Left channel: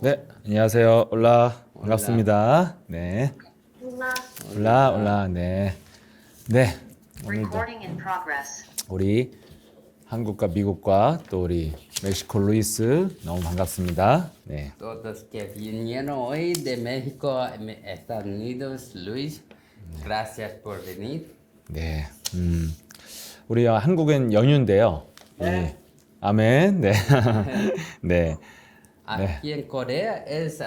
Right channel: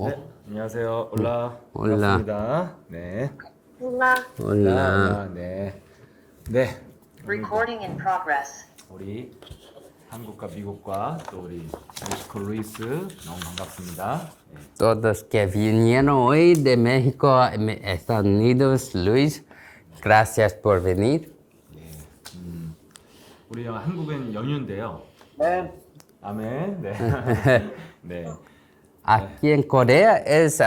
네, 안녕하세요. 올라. 올라. 반갑습니다. 네. Hola. 올라. 네. 네. Recording in progress. 우리 한국과 미국과 또 우리 멕시코 루이스 너무 반갑습니다. 네. Todos que vinieron hoy de México a Estados Unidos, Luis, gracias por venir. 네. 우리 한국은 연휴인데요. 네. 아멘. 네. 네. Aquí en Corea es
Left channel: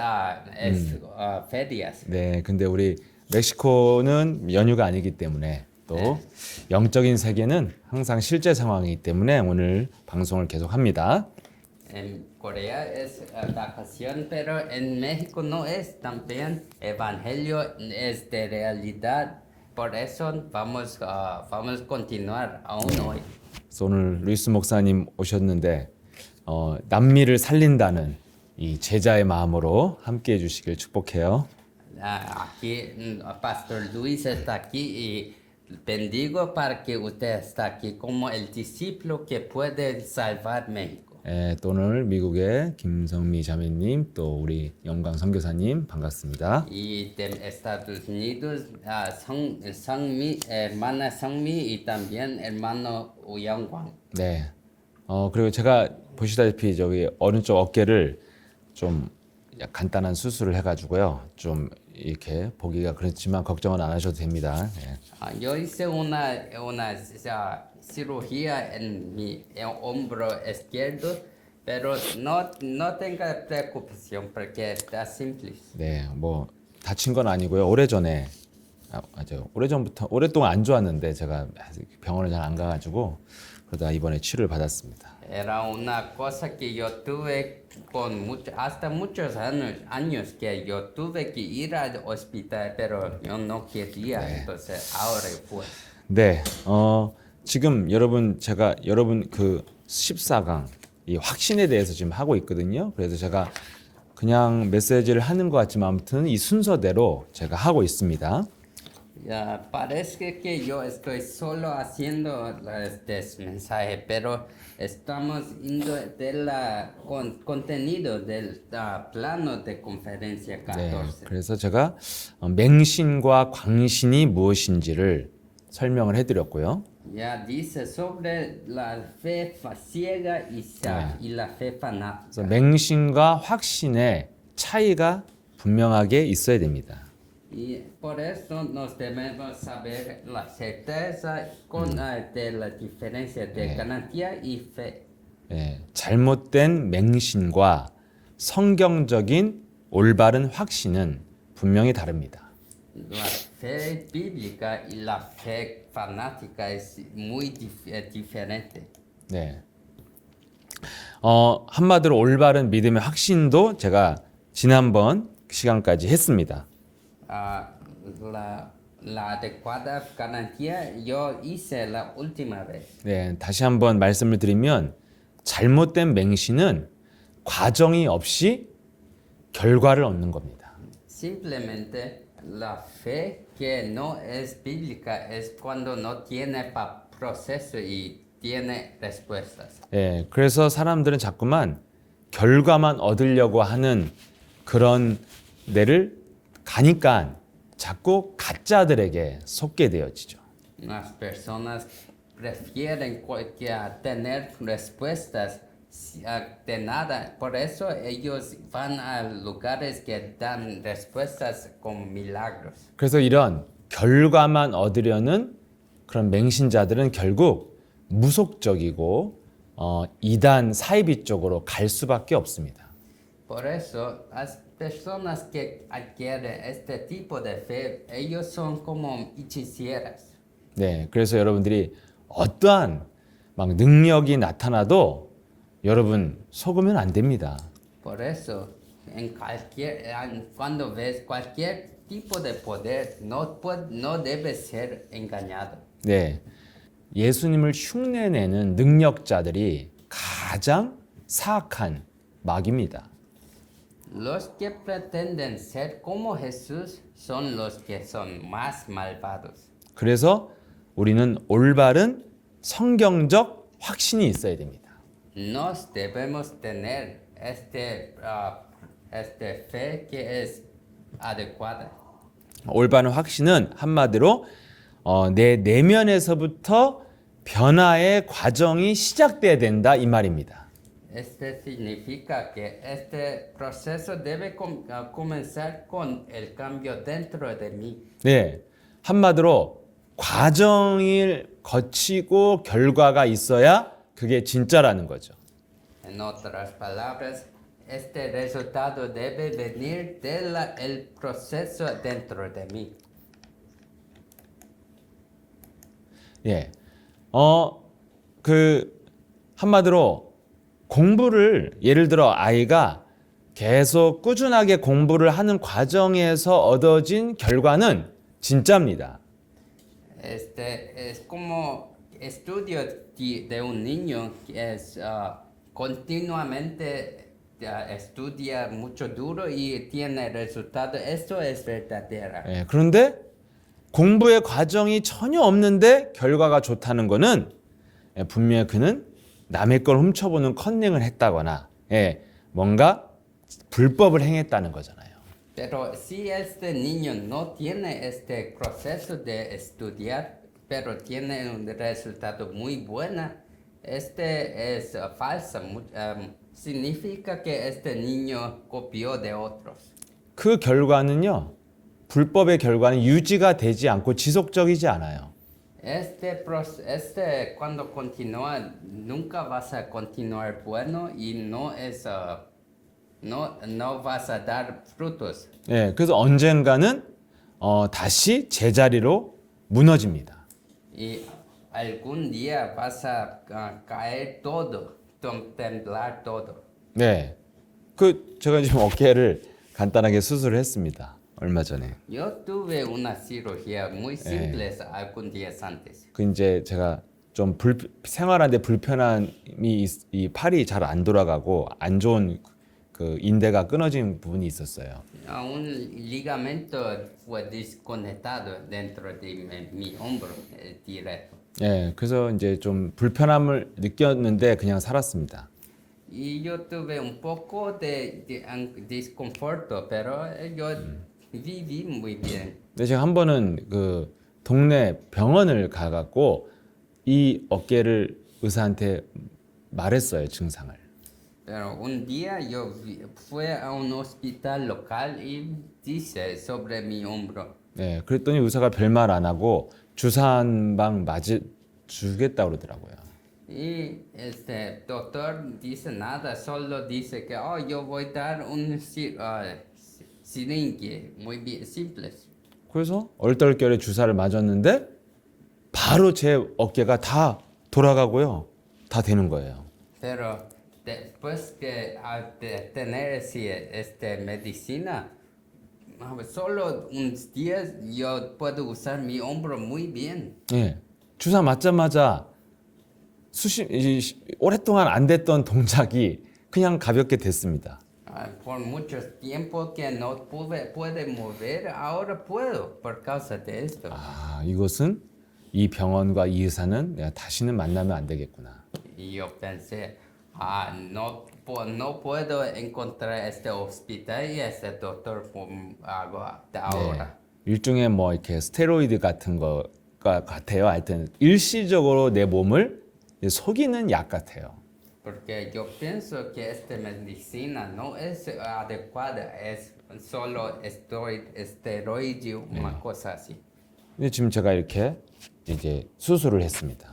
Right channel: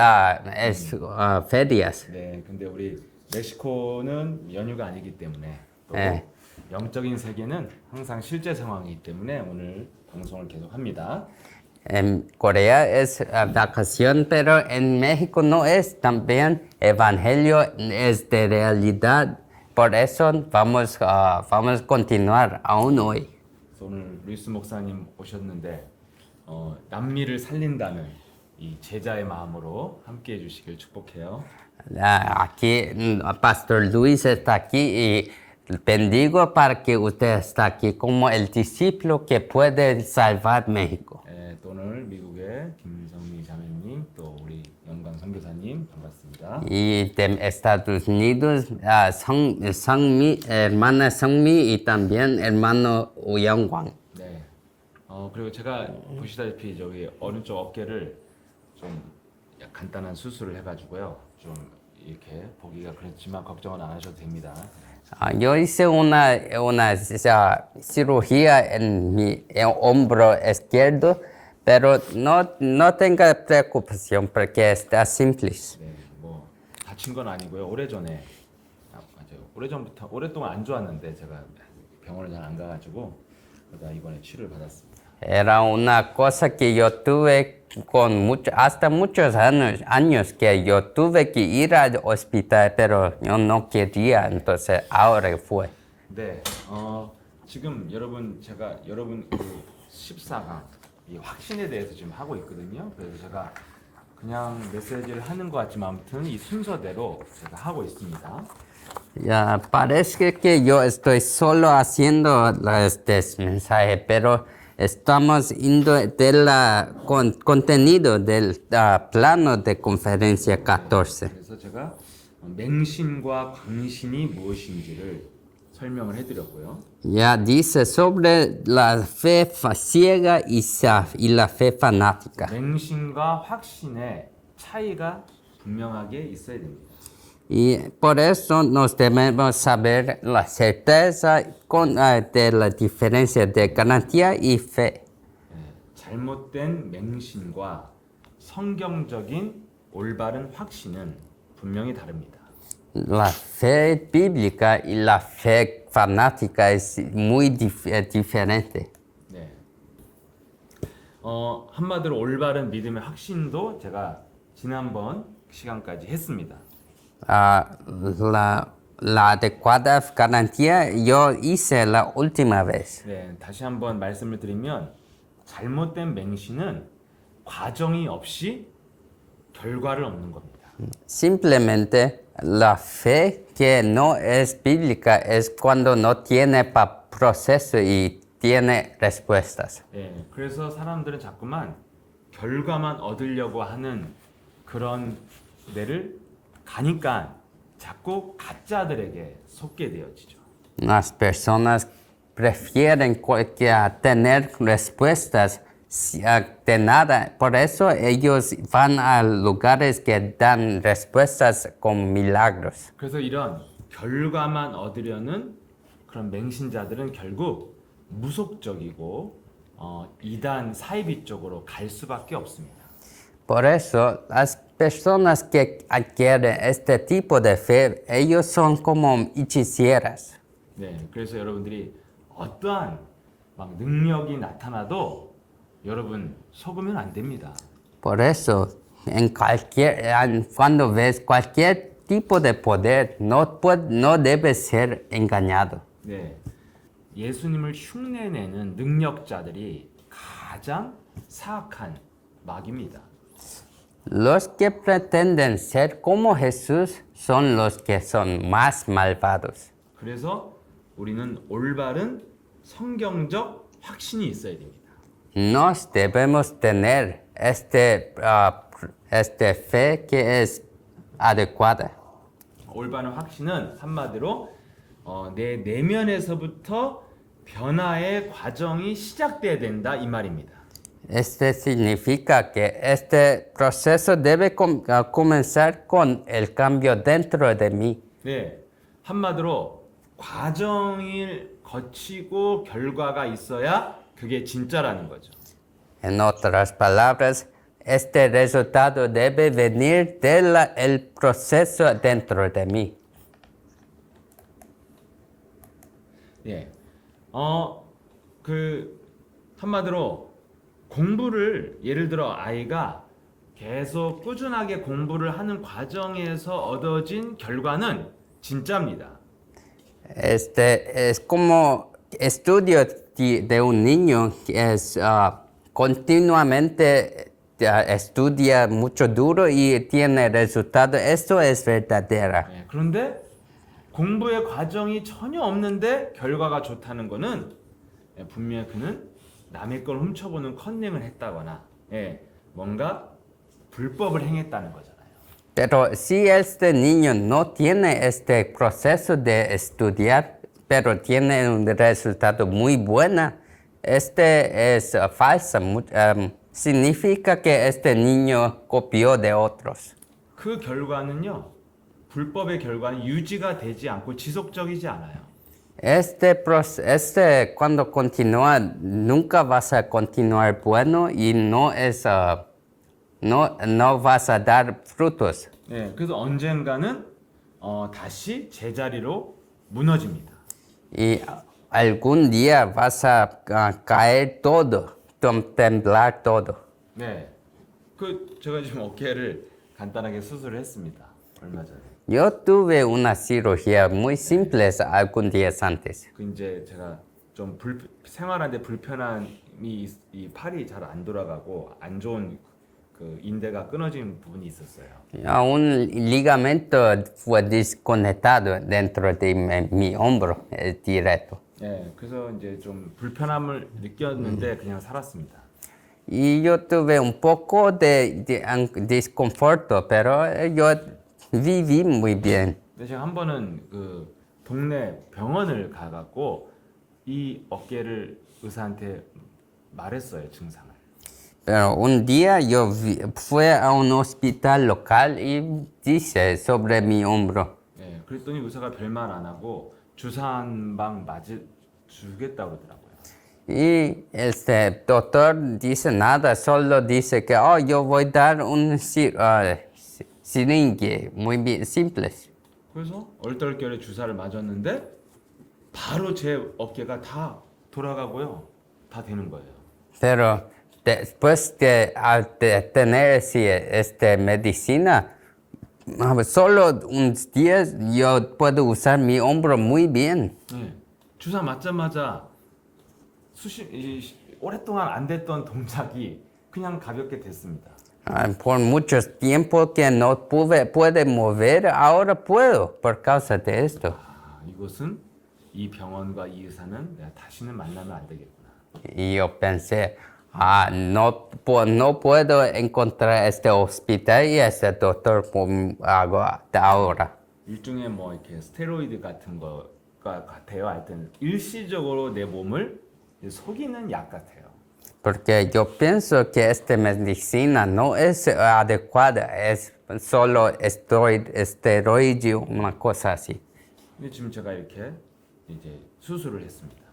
ferias. 네. 근데 우리 멕시코는 연휴가 아니기 때문에 또 네. 영적인 세계는 항상 실제 상황이기 때문에 오늘 방송을 계속합니다. En Corea es vacación, pero en México no es también evangelio, es de realidad. Por eso vamos a continuar aún hoy. 그래서 오늘 루이스 목사님 오셨는데 남미를 살린다는 이 제자의 마음으로 함께해 주시길 축복해요. Aquí Pastor Luis está aquí y bendigo para que usted está aquí como el discípulo que puede salvar México. 예, 또 오늘 미국의 김성미 자매님 또 우리 영광 선교사님 반갑습니다. Y de Estados Unidos, hermana Songmi y también hermano Uyangwang. 네. 그리고 제가 보시다시피 저기 오른쪽 어깨를 좀 간단한 susur을 해가지고요. 좀 이렇게 보기가 그렇지만 걱정은 안 하셔도 됩니다. 예. Yo hice una cirugía en mi hombro izquierdo, pero no tenga preocupación porque está simple. 네, 뭐 다친 건 아니고요. 오래전에 맞아요. 오래전부터 오랫동안 안 좋았는데 제가 병원을 잘 안 가가지고 그러다 이번에 치료를 받았습니다. Era una cosa que yo tuve hasta muchos años que yo tuve que ir al hospital, pero yo no quería, entonces ahora fue. 네, 지금 제가 여러분 그 14강 이 확신에 대해서 지금 하고 있거든요. 그래서 제가 그냥 메시지를 하는 것 같지만 아무튼 이 순서대로 제가 하고 있습니다. Ya parece que yo estoy solo haciendo este mensaje, pero estamos yendo del contenido del plano de conferencia 14. 그래서 제가 맹신과 광신이 무엇인지를 설명을 해드렸고요. Ya dice sobre la fe ciega y la fe fanática. 맹신과 확신의 차이가 분명하게 있어야 됩니다. Y por eso nos debemos saber la certeza de la diferencia de garantía y fe. 예, 잘못된 맹신과 성경적인 올바른 확신은 분명히 다릅니다. La fe bíblica y la fe fanática es muy diferente. 네. 한마디로 올바른 믿음의 확신도 제가 지난번 시간까지 했습니다. La adecuada garantía yo hice la última vez. 네, 다시 한번 말씀을 드리면 잘못된 맹신은 과정이 없이 결과를 얻는 겁니다. Simplemente la fe que no es bíblica es cuando no tiene proceso y tiene respuestas. 예, 그래서 사람들은 자꾸만 결과만 얻으려고 하는 그런 데를 가니까 자꾸 가짜들에게 속게 되어지죠. Las personas prefieren tener respuestas de nada. Por eso ellos van a lugares que dan respuestas con milagros. 그래서 이런 결과만 얻으려는 그런 맹신자들은 결국 무속적이고 이단 사이비 쪽으로 갈 수밖에 없습니다. Por eso las personas que adquieren este tipo de fe, ellos son como hechiceras. 네, 그래서 여러분들이 어떠한 막 능력이 나타나도 여러분 속으면 안 됩니다. Por eso, cuando ves cualquier tipo de poder, no debes ser engañado. 네, 예수님을 흉내내는 능력자들이 가장 사악한 마귀입니다. Los que pretenden ser como Jesús son los que son más malvados. 그래서 우리는 올바른 성경적 확신이 있어야 됩니다. Nos debemos tener fe que es adecuada. 올바른 확신은 한마디로 내 내면에서부터 변화의 과정이 시작돼야 된다 이 말입니다. Este significa que este proceso debe comenzar con el cambio dentro de mí. 네, 한마디로 과정을 거치고 결과가 있어야 그게 진짜라는 거죠. En otras palabras, este resultado debe venir del proceso dentro de mí. 예, 한마디로 공부를 예를 들어 아이가 계속 꾸준하게 공부를 하는 과정에서 얻어진 결과는 진짜입니다. Este es como estudio de un niño que es continuamente estudia mucho duro y tiene resultado. Esto es verdadera. 예, 그런데 공부의 과정이 전혀 없는데 결과가 좋다는 거는 분명히 그는 남의 걸 훔쳐보는 컨닝을 했다거나 뭔가 불법을 행했다는 거잖아요. Pero si este niño no tiene este proceso de estudiar, pero tiene un resultado muy bueno, este es falso. Significa que este niño copió de otros. 그 결과는요, 불법의 결과는 유지가 되지 않고 지속적이지 않아요. Cuando continúa, nunca vas a continuar bueno y no vas a dar frutos. 예, 그래서 언젠가는 다시 제자리로 무너집니다. Y algún día vas a caer todo, temblar todo. 네, 제가 지금 어깨를 간단하게 수술을 했습니다. 얼마 전에. Yo tuve una cirugía muy simple algún días antes. 이제 제가 좀 생활하는데 불편함이 이 팔이 잘 안 돌아가고 안 좋은 그 인대가 끊어진 부분이 있었어요. Un ligamento fue desconectado dentro de mi hombro directo. 예, 그래서 이제 좀 불편함을 느꼈는데 그냥 살았습니다. Y yo tuve un poco de desconforto, pero yo viví muy bien. 근데 제가 한 번은 그 동네 병원을 가갖고 이 어깨를 의사한테 말했어요, 증상을. Pero un día yo fui a un hospital local y dije sobre mi hombro. 네, 그랬더니 의사가 별말 안 하고 주사 한 방 주겠다 그러더라고요. Y este doctor dice nada, solo dice que yo voy a dar un siringe, muy bien, simples. 그래서 얼떨결에 주사를 맞았는데 바로 제 어깨가 다 돌아가고요. 다 되는 거예요. Pero después de tener esta medicina, solo unos días yo puedo usar mi hombro muy bien. 예, 주사 맞자마자 오랫동안 안 됐던 동작이 그냥 가볍게 됐습니다. Por mucho tiempo que no pude mover, ahora puedo por causa de esto. 이것은 이 병원과 이 의사는 내가 다시는 만나면 안 되겠구나. Y yo pensé, no puedo encontrar este hospital y este doctor ahora. 일종의 뭐 이렇게 스테로이드 같은 거가 같아요. 하여튼 일시적으로 내 몸을 속이는 약 같아요. Porque yo pienso que esta medicina no es adecuada, es solo esteroide, una cosa así. 근데 지금 제가 이렇게 이제 수술을 했습니다.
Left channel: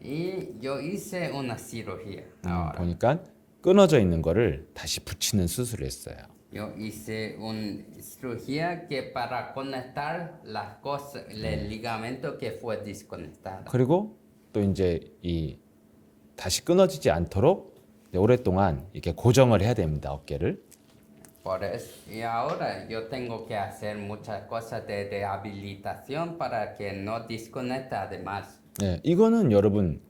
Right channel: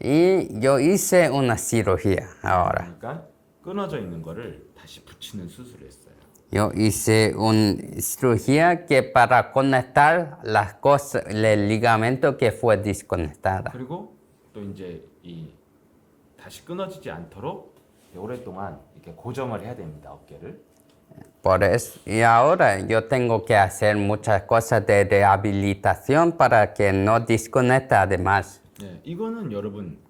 Y yo hice una cirugía ahora. 그러니까 끊어져 있는 거를 다시 붙이는 수술을 했어요. Yo hice una cirugía que para conectar las cosas, el ligamento que fue desconectado. 그리고 또 이제 이 다시 끊어지지 않도록 오랫동안 이렇게 고정을 해야 됩니다. 어깨를. Por eso, y ahora yo tengo que hacer muchas cosas de rehabilitación para que no desconecte además. 네, 이거는 여러분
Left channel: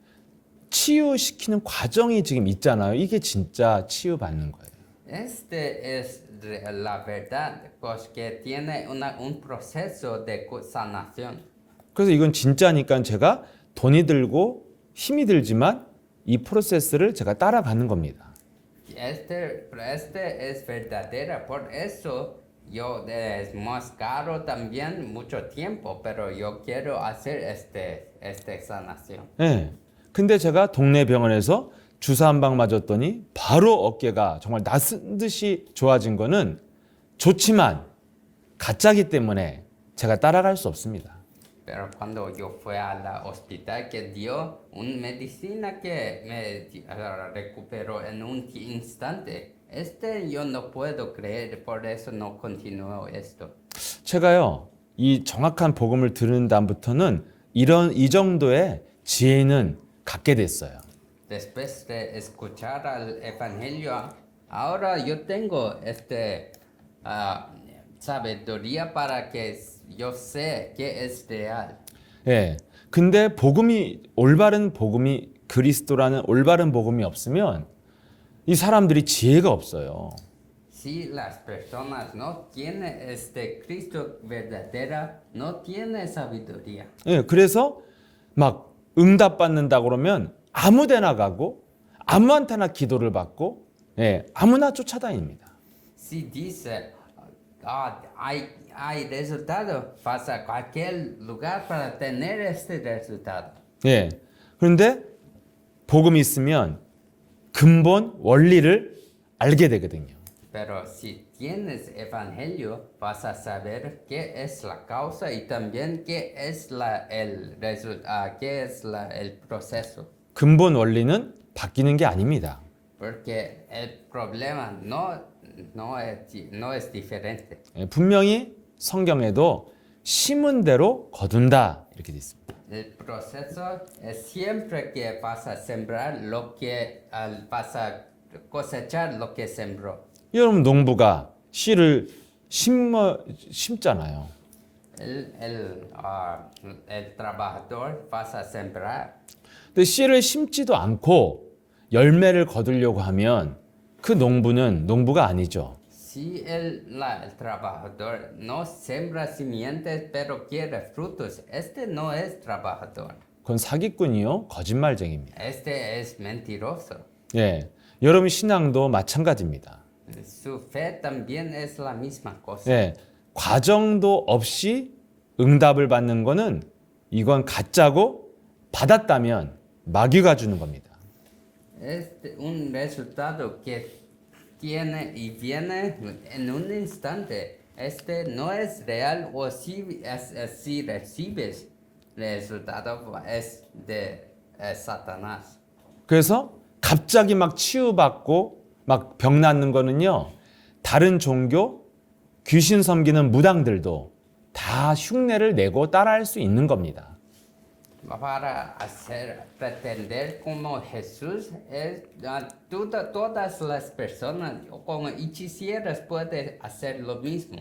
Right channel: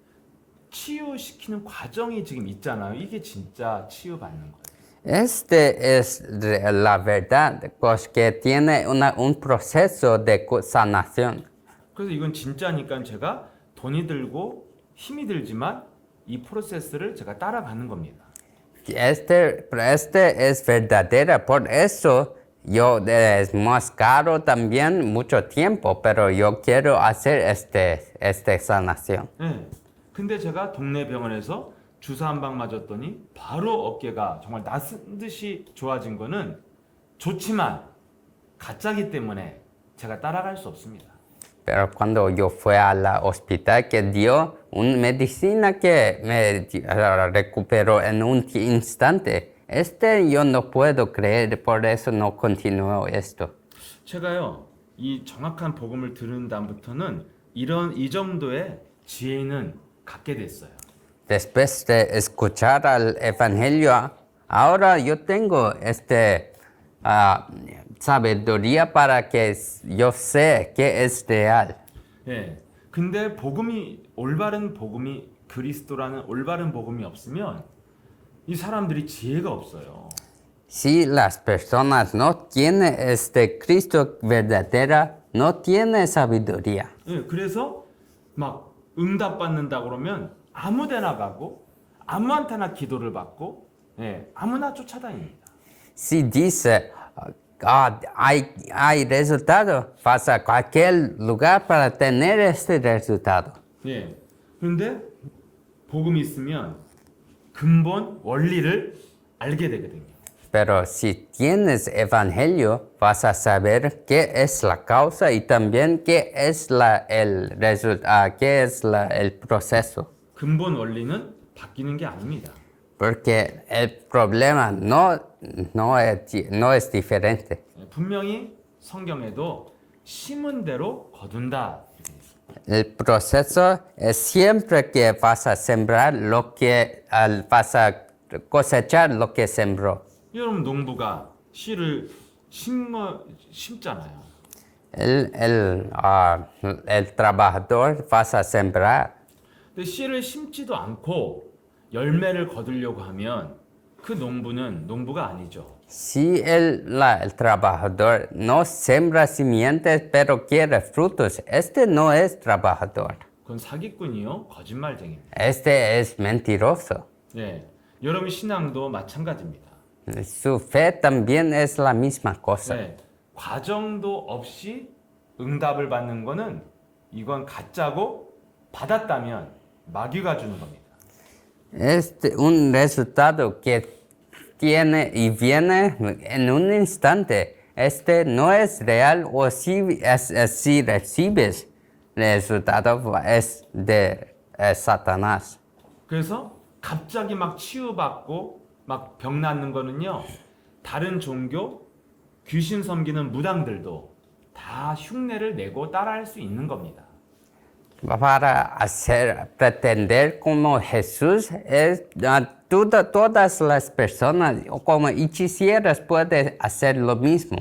치유시키는 과정이 지금 있잖아요. 이게 진짜 치유받는 거예요. Este es la verdad, pues que tiene un proceso de sanación. 그래서 이건 진짜니까 제가 돈이 들고 힘이 들지만 이 프로세스를 제가 따라가는 겁니다. Este es verdadera, por eso yo es más caro también mucho tiempo, pero yo quiero hacer esta sanación. 예. 근데 제가 동네 병원에서 주사 한 방 맞았더니 바로 어깨가 정말 낯선 듯이 좋아진 거는 좋지만 가짜기 때문에 제가 따라갈 수 없습니다. Pero cuando yo fui al hospital que dio una medicina que me recuperó en un instante, yo no puedo creer, por eso no continúo esto. 제가요, 이 정확한 복음을 들은 다음부터는 이 정도의 지혜는 갖게 됐어요. Después de escuchar al evangelio, ahora yo tengo sabiduría para que yo sé que es real. 예. 근데 올바른 복음이 그리스도라는 올바른 복음이 없으면 이 사람들이 지혜가 없어요. Si las personas no tienen Cristo verdadera, no tienen sabiduría. 예. 그래서 막 응답 받는다 그러면 아무데나 가고 아무한테나 기도를 받고 예. 아무나 쫓아다닙니다. Si dice, hay resultado, vas a cualquier lugar para tener este resultado. 예. 그런데 복음이 있으면 근본 원리를 알게 되거든요. Pero si tienes evangelio, vas a saber qué es la causa y también qué es el proceso. 근본 원리는 바뀌는 게 아닙니다. Porque el problema no es diferente. 예, 분명히 성경에도 심은 대로 거둔다 이렇게 돼 있습니다. El proceso es siempre que vas a sembrar vas a cosechar lo que sembró. 여러분 농부가 씨를 심잖아요. El trabajador vas a sembrar. 근데 씨를 심지도 않고 열매를 거두려고 하면 그 농부는 농부가 아니죠. Si el trabajador no siembra simientes pero quiere frutos, no es trabajador. 그건 사기꾼이요, 거짓말쟁입니다. Es mentiroso. 예, 여러분 신앙도 마찬가지입니다. Su fe también es la misma cosa. 예, 과정도 없이 응답을 받는 거는 이건 가짜고 받았다면 마귀가 주는 겁니다. Es un resultado que tiene y viene en un instante. No es real o si recibes el resultado es de Satanás. 그래서 갑자기 막 치유받고 막 병 낫는 거는요, 다른 종교, 귀신 섬기는 무당들도 다 흉내를 내고 따라할 수 있는 겁니다. Para pretender como Jesús, todas las personas como hechiceras pueden hacer lo mismo.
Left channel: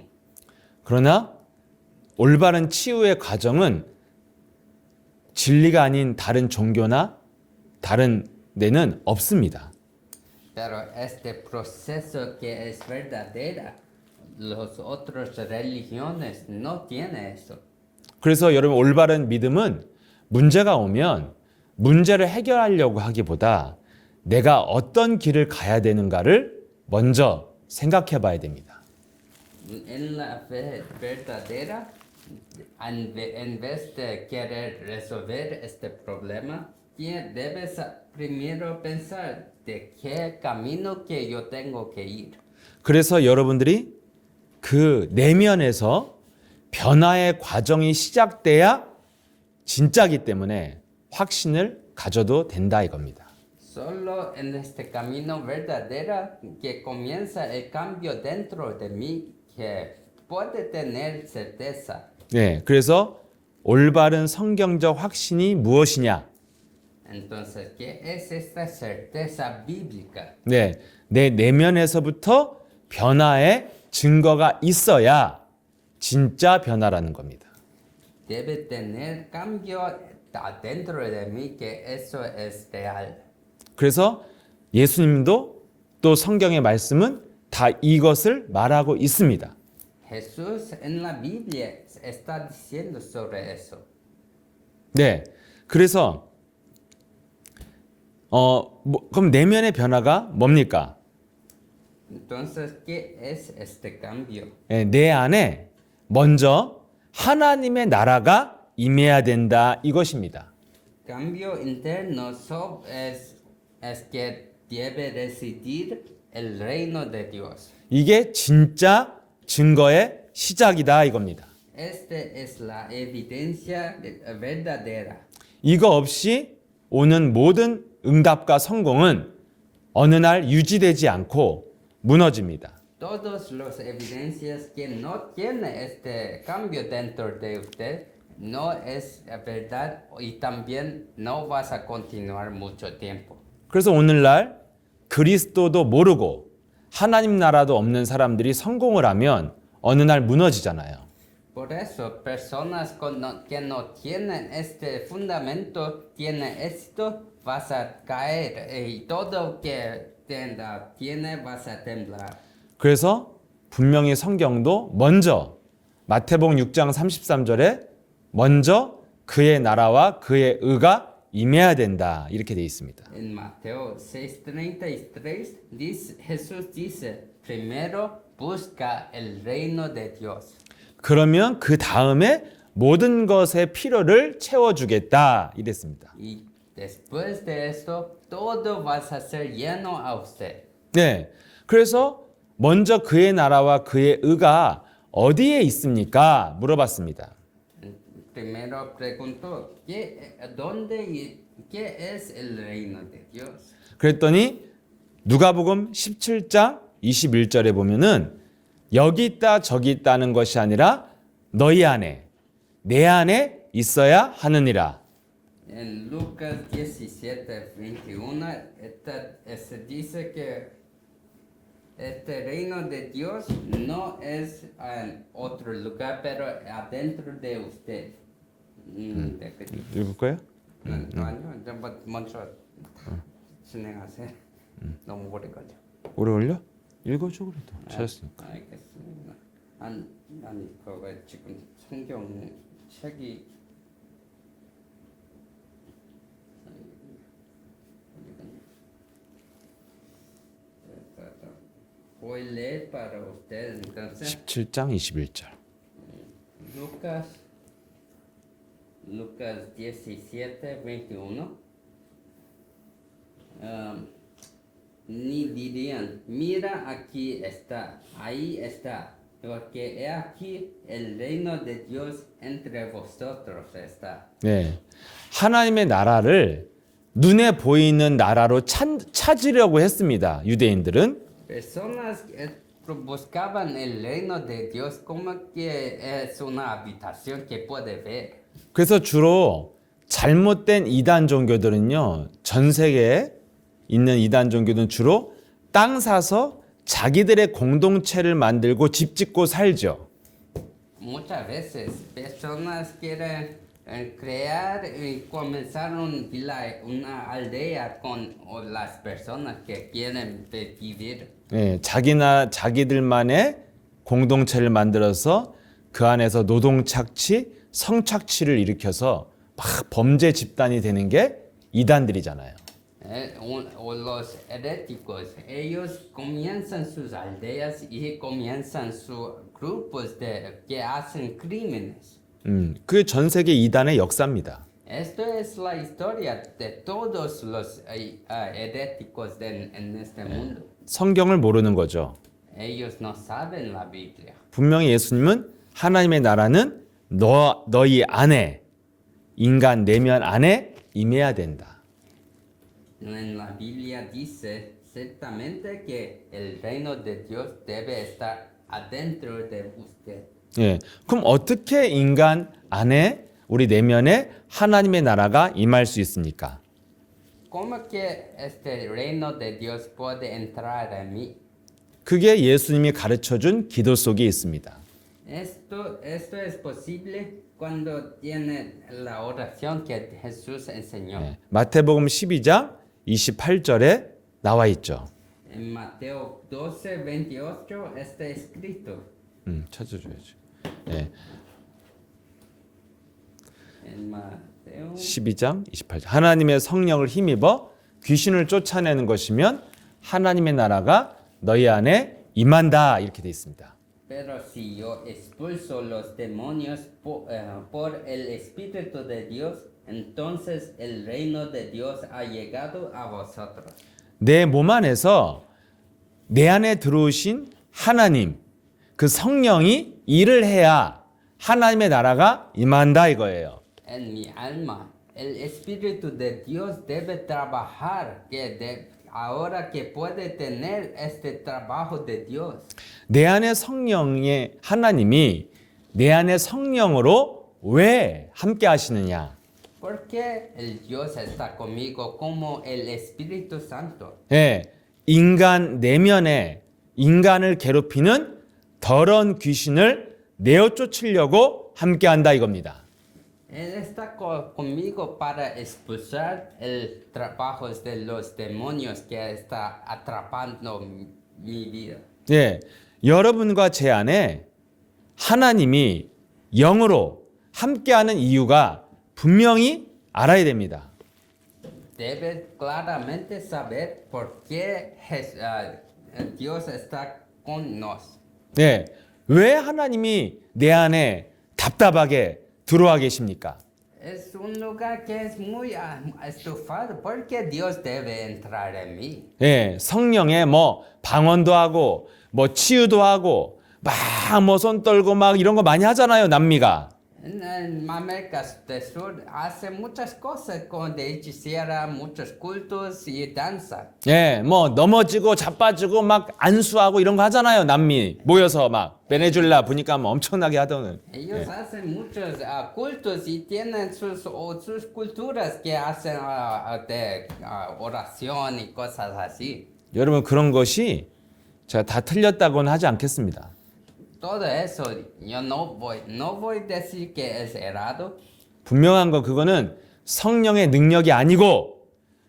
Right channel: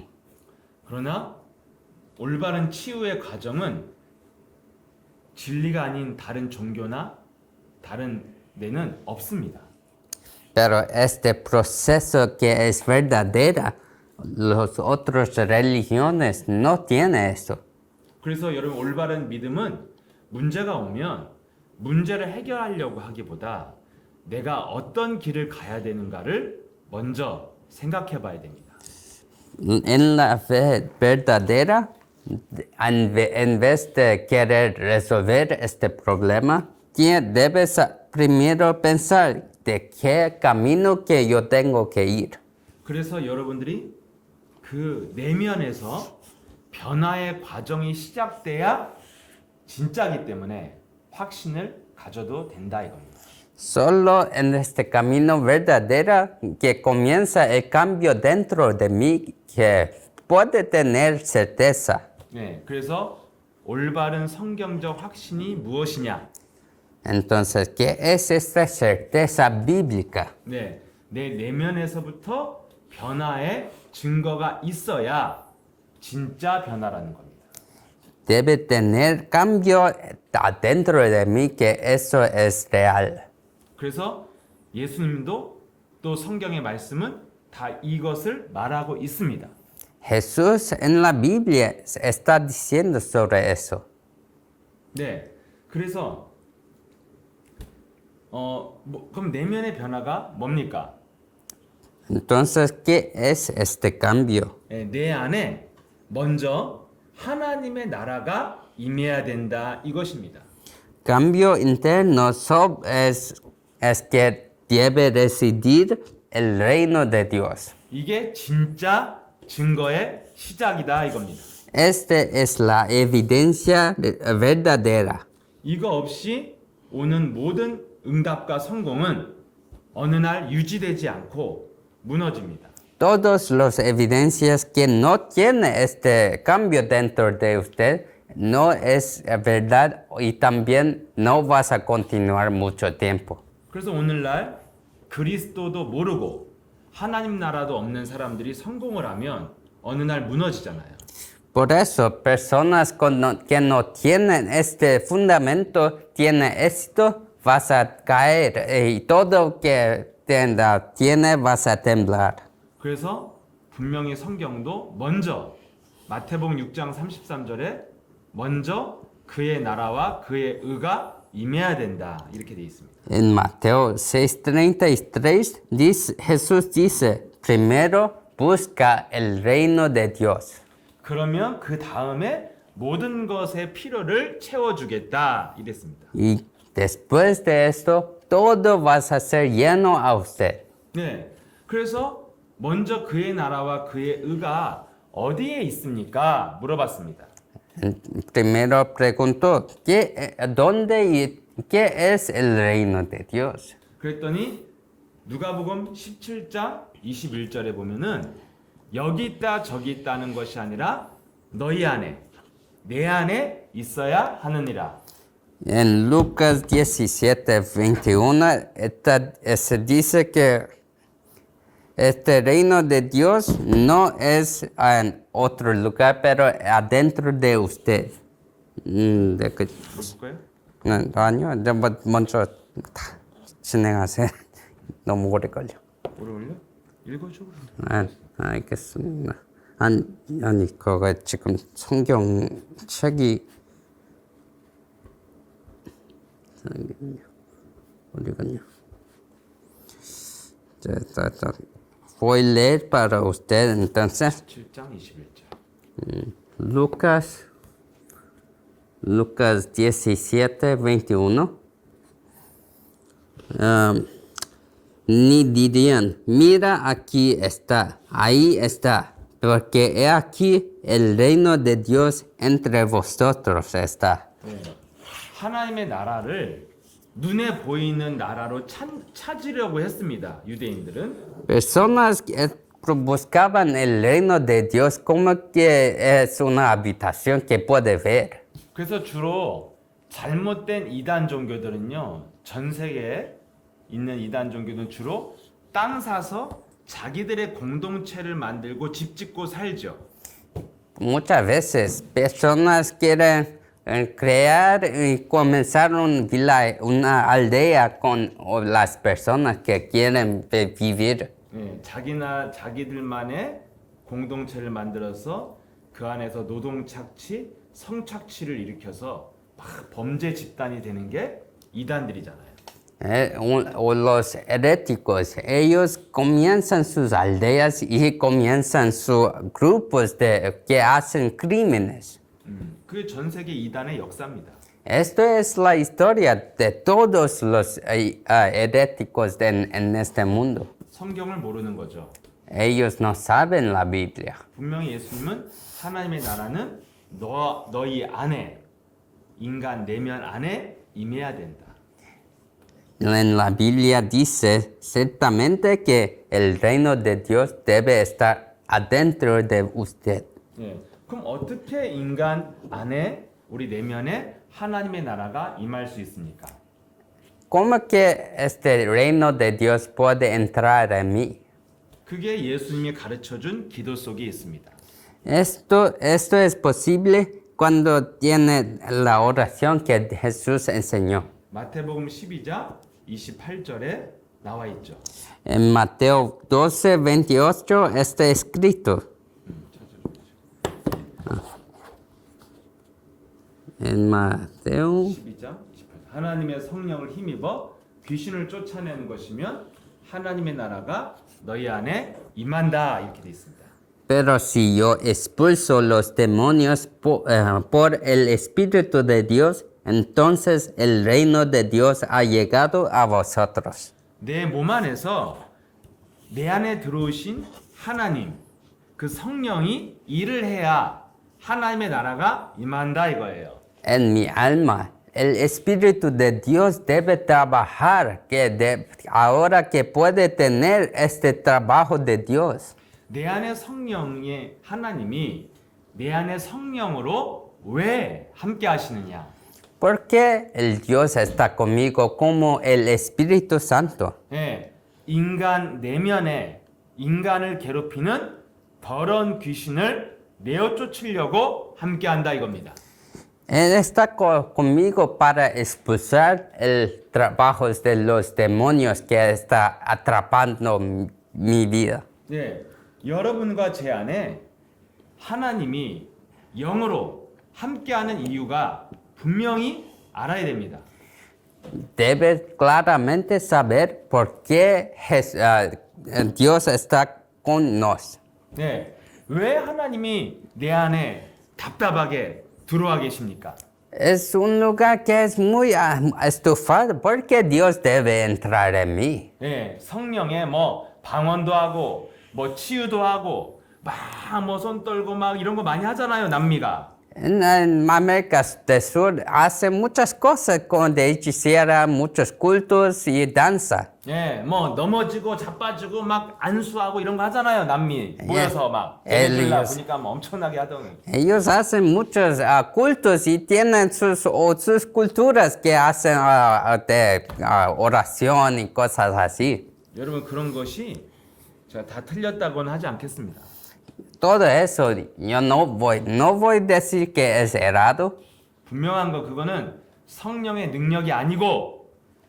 그러나 올바른 치유의 과정은 진리가 아닌 다른 종교나 다른 데는 없습니다. Pero este proceso que es verdadera, las otras religiones no tienen eso. 그래서 여러분 올바른 믿음은 문제가 오면 문제를 해결하려고 하기보다 내가 어떤 길을 가야 되는가를 먼저 생각해 봐야 됩니다. En la fe verdadera, en vez de querer resolver este problema, debes primero pensar de qué camino que yo tengo que ir. 그래서 여러분들이 그 내면에서 변화의 과정이 시작돼야 진짜기 때문에 확신을 가져도 된다 이겁니다. Solo en este camino verdadero que comienza el cambio dentro de mí que puede tener certeza. 네, 그래서 올바른 성경적 확신이 무엇이냐? Entonces, ¿qué es esta certeza bíblica? 네, 내 내면에서부터 변화의 증거가 있어야 진짜 변화라는 겁니다. Debe tener cambio adentro de mí que eso es real. 그래서 예수님도 또 성경의 말씀은 다 이것을 말하고 있습니다. Jesús en la Biblia está diciendo sobre eso. 네, 그래서 그럼 내면의 변화가 뭡니까? Entonces, ¿qué es este cambio? 예, 내 안에 먼저 하나님의 나라가 임해야 된다 이것입니다. Cambio interno es que debe residir el reino de Dios. 이게 진짜 증거의 시작이다 이겁니다. Este es la evidencia verdadera. 이거 없이 오는 모든 응답과 성공은 어느 날 유지되지 않고 무너집니다. Todos los evidencias que no tiene este cambio dentro de usted no es verdad y también no vas a continuar mucho tiempo. 그래서 오늘날 그리스도도 모르고 하나님 나라도 없는 사람들이 성공을 하면 어느 날 무너지잖아요. Por eso, personas que no tienen este fundamento, tienen éxito, vas a caer y todo que tiene vas a temblar. 그래서 분명히 성경도 먼저 마태복음 6장 33절에 먼저 그의 나라와 그의 의가 임해야 된다 이렇게 돼 있습니다. En Mateo 6:33 Jesús dice, primero busca el reino de Dios. 그러면 그 다음에 모든 것의 필요를 채워주겠다 이랬습니다. Y después de esto, todo vas a ser lleno a usted. 네, 그래서 먼저 그의 나라와 그의 의가 어디에 있습니까? 물어봤습니다. Primero preguntó, ¿dónde y qué es el reino de Dios? 그랬더니 누가복음 17장 21절에 보면은 여기 있다 저기 있다는 것이 아니라 너희 안에 내 안에 있어야 하느니라. En Lucas 17:21 se dice que este reino de Dios no es en otro lugar, pero adentro de usted. 읽을 거예요? 아니요, 먼저 다 진행하세요. 너무 오래 걸려. 오래 걸려? 읽어줘 그래도. 알겠습니다. 아니 그거 지금 성경 책이 어디 갔냐? Voy a leer para usted entonces. 17장 21절. Lucas 17:21. Ni dirían, mira aquí está, ahí está, porque he aquí el reino de Dios entre vosotros está. 네, 하나님의 나라를 눈에 보이는 나라로 찾으려고 했습니다. 유대인들은. Personas que buscaban el reino de Dios como que es una habitación que puede ver. 그래서 주로 잘못된 이단 종교들은요, 전 세계에 있는 이단 종교들은 주로 땅 사서 자기들의 공동체를 만들고 집 짓고 살죠. Muchas veces personas quieren crear y comenzar una aldea con las personas que quieren vivir. 네, 자기들만의 공동체를 만들어서 그 안에서 노동 착취, 성착취를 일으켜서 막 범죄 집단이 되는 게 이단들이잖아요. Los heréticos, ellos comienzan sus aldeas y comienzan sus grupos que hacen crímenes. 그게 전 세계 이단의 역사입니다. Esto es la historia de todos los heréticos en este mundo. 성경을 모르는 거죠. Ellos no saben la Biblia. 분명히 예수님은 하나님의 나라는 너희 안에, 인간 내면 안에 임해야 된다. En la Biblia dice ciertamente que el reino de Dios debe estar adentro de usted. 예, 그럼 어떻게 인간 안에 우리 내면에 하나님의 나라가 임할 수 있습니까? ¿Cómo que este reino de Dios puede entrar en mí? 그게 예수님이 가르쳐준 기도 속에 있습니다. Esto es posible cuando tiene la oración que Jesús enseñó. 마태복음 12장 28절에 나와 있죠. En Mateo 12:28 está escrito. 찾아줘야지. 네, En Mateo 12장 28절. 하나님의 성령을 힘입어 귀신을 쫓아내는 것이면 하나님의 나라가 너희 안에 임한다 이렇게 돼 있습니다. Pero si yo expulso los demonios por el Espíritu de Dios, entonces el reino de Dios ha llegado a vosotros. 내 몸 안에서 내 안에 들어오신 하나님, 그 성령이 일을 해야 하나님의 나라가 임한다 이거예요. En mi alma, el Espíritu de Dios debe trabajar, ahora que puede tener este trabajo de Dios. 내 안에 성령의 하나님이 내 안에 성령으로 왜 함께 하시느냐? Porque el Dios está conmigo como el Espíritu Santo. 예, 인간 내면에 인간을 괴롭히는 더러운 귀신을 내어 쫓으려고 함께 한다 이겁니다. Él está conmigo para expulsar el trabajo de los demonios que está atrapando mi vida. 예, 여러분과 제 안에 하나님이 영으로 함께하는 이유가 분명히 알아야 됩니다. Debes claramente saber por qué Dios está con nos. 예, 왜 하나님이 내 안에 답답하게 들어와 계십니까? Es un lugar que es muy estufado. ¿Por qué Dios debe entrar en mí? 예, 성령에 뭐 방언도 하고 뭐 치유도 하고 막 뭐 손 떨고 막 이런 거 많이 하잖아요, 남미가. En América del Sur hace muchas cosas con de hechicera, muchos cultos y danza. 예, 뭐 넘어지고 자빠지고 막 안수하고 이런 거 하잖아요, 남미 모여서 막 베네수엘라 엘리스. 보니까 뭐 엄청나게 하던. Ellos hacen muchos cultos y tienen sus culturas que hacen de oración y cosas así. 여러분 그런 것이 제가 다 틀렸다고는 하지 않겠습니다. Todo eso, yo no voy a decir que es errado. 분명한 거 그거는 성령의 능력이 아니고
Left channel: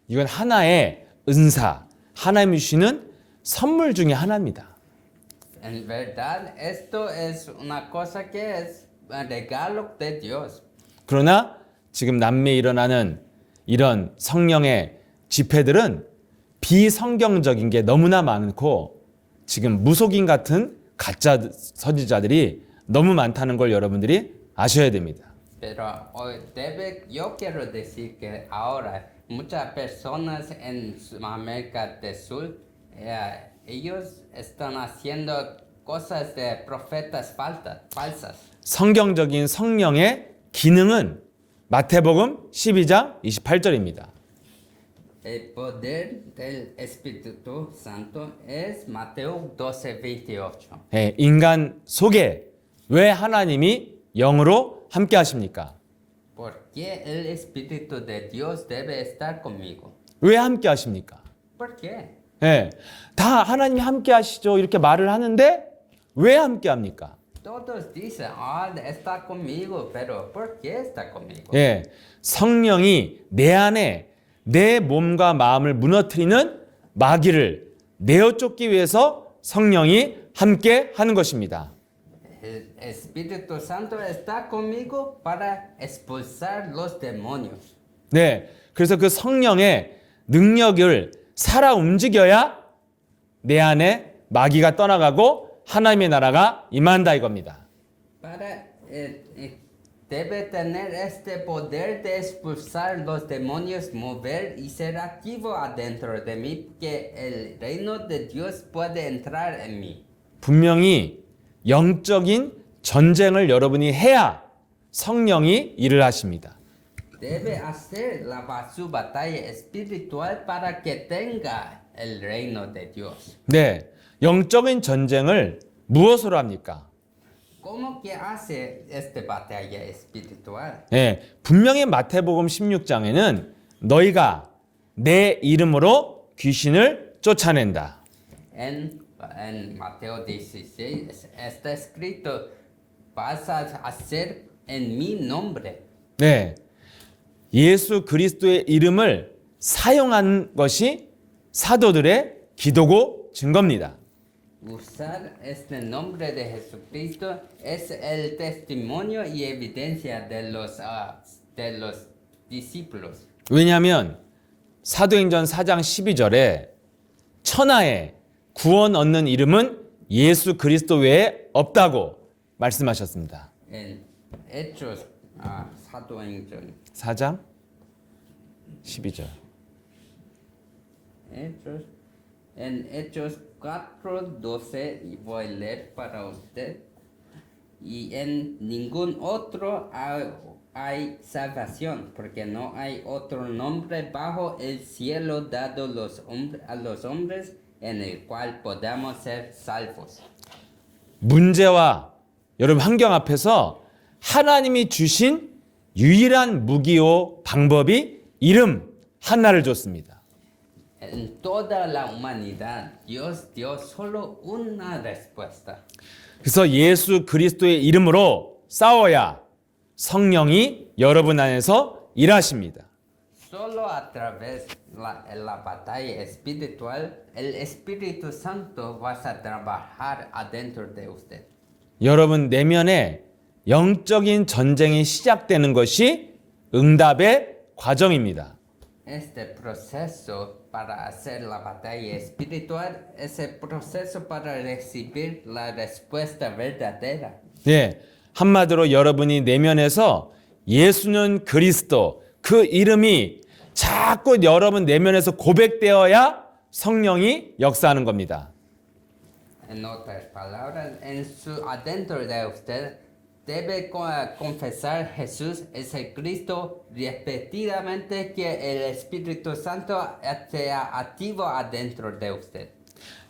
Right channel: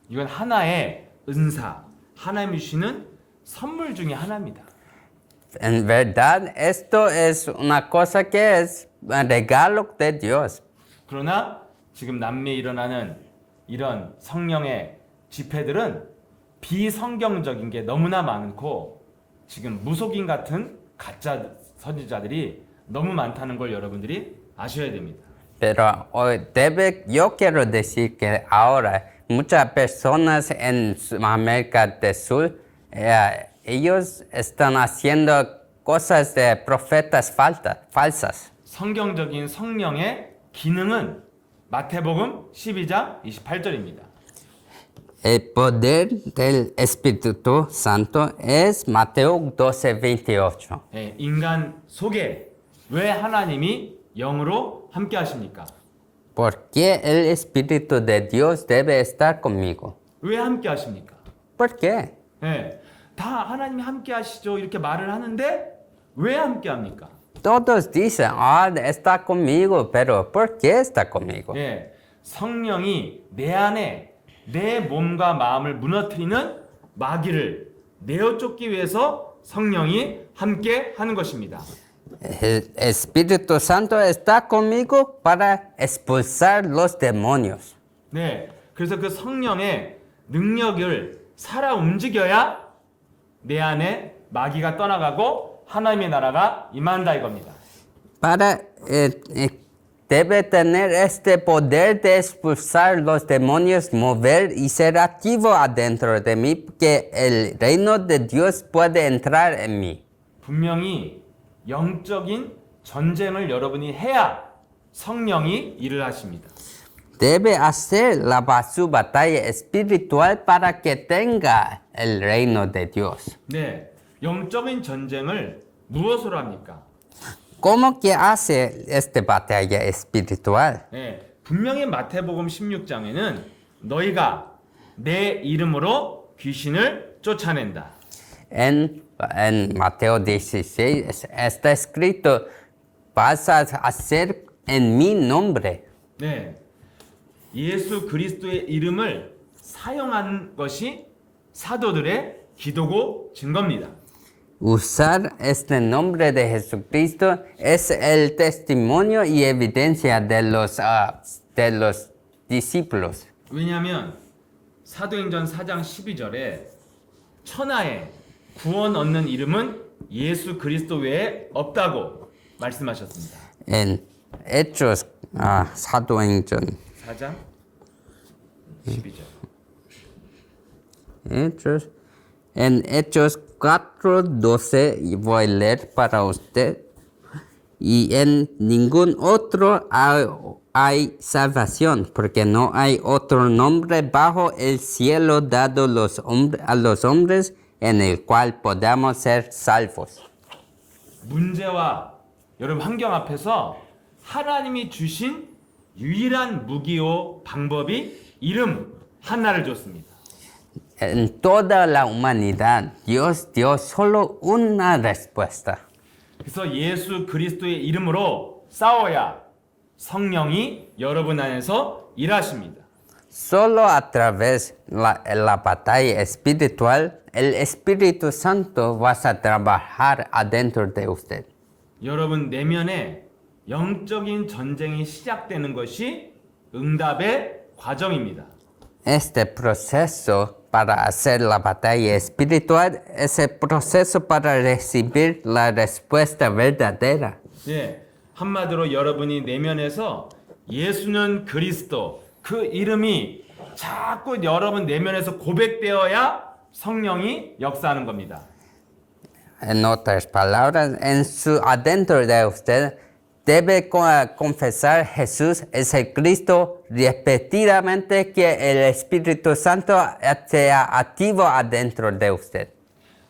이건 하나의 은사, 하나님이 주시는 선물 중에 하나입니다. En verdad, esto es una cosa que es un regalo de Dios. 그러나 지금 남미에 일어나는 이런 성령의 집회들은 비성경적인 게 너무나 많고 지금 무속인 같은 가짜 선지자들이 너무 많다는 걸 여러분들이 아셔야 됩니다. Pero yo quiero decir que ahora muchas personas en América del Sur, ellos están haciendo cosas de profetas falsas. 성경적인 성령의 기능은 마태복음 12장 28절입니다. El poder del Espíritu Santo es Mateo 12:28. 예, 인간 속에 왜 하나님이 영으로 함께 하십니까? ¿Por qué el Espíritu de Dios debe estar conmigo? 왜 함께 하십니까? ¿Por qué? 예, 다 하나님이 함께 하시죠 이렇게 말을 하는데 왜 함께 합니까? Todos dicen, está conmigo, pero ¿por qué está conmigo? 예, 성령이 내 안에 내 몸과 마음을 무너뜨리는 마귀를 내어 쫓기 위해서 성령이 함께 하는 것입니다. El Espíritu Santo está conmigo para expulsar los demonios. 네, 그래서 그 성령의 능력을 살아 움직여야 내 안에 마귀가 떠나가고 하나님의 나라가 임한다 이겁니다. Debe tener este poder de expulsar los demonios, mover y ser activo adentro de mí, que el reino de Dios puede entrar en mí. 분명히 영적인 전쟁을 여러분이 해야 성령이 일을 하십니다. Debe hacer su batalla espiritual para que tenga el reino de Dios. 네, 영적인 전쟁을 무엇으로 합니까? ¿Cómo que hace esta batalla espiritual? 네, 분명히 마태복음 16장에는 너희가 내 이름으로 귀신을 쫓아낸다. En Mateo 16 está escrito, vas a hacer en mi nombre. 네, 예수 그리스도의 이름을 사용한 것이 사도들의 기도고 증거입니다. Usar este nombre de Jesucristo es el testimonio y evidencia de los discípulos. 왜냐하면 사도행전 4장 12절에 천하에 구원 얻는 이름은 예수 그리스도 외에 없다고 말씀하셨습니다. En Hechos, 사도행전, 4장 12절. Hechos, en Hechos 4:12, y voy a leer para usted. Y en ningún otro hay salvación, porque no hay otro nombre bajo el cielo dado a los hombres en el cual podamos ser salvos. 문제와 여러분 환경 앞에서 하나님이 주신 유일한 무기요 방법이 이름 하나를 줬습니다. En toda la humanidad, Dios dio solo una respuesta. 그래서 예수 그리스도의 이름으로 싸워야 성령이 여러분 안에서 일하십니다. Solo a través la batalla espiritual, el Espíritu Santo va a trabajar adentro de usted. 여러분 내면에 영적인 전쟁이 시작되는 것이 응답의 과정입니다. Este proceso para hacer la batalla espiritual es el proceso para recibir la respuesta verdadera. 예, 한마디로 여러분이 내면에서 예수는 그리스도 그 이름이 자꾸 여러분 내면에서 고백되어야 성령이 역사하는 겁니다. En otras palabras, adentro de usted debe confesar Jesús es el Cristo repetidamente, que el Espíritu Santo sea activo adentro de usted.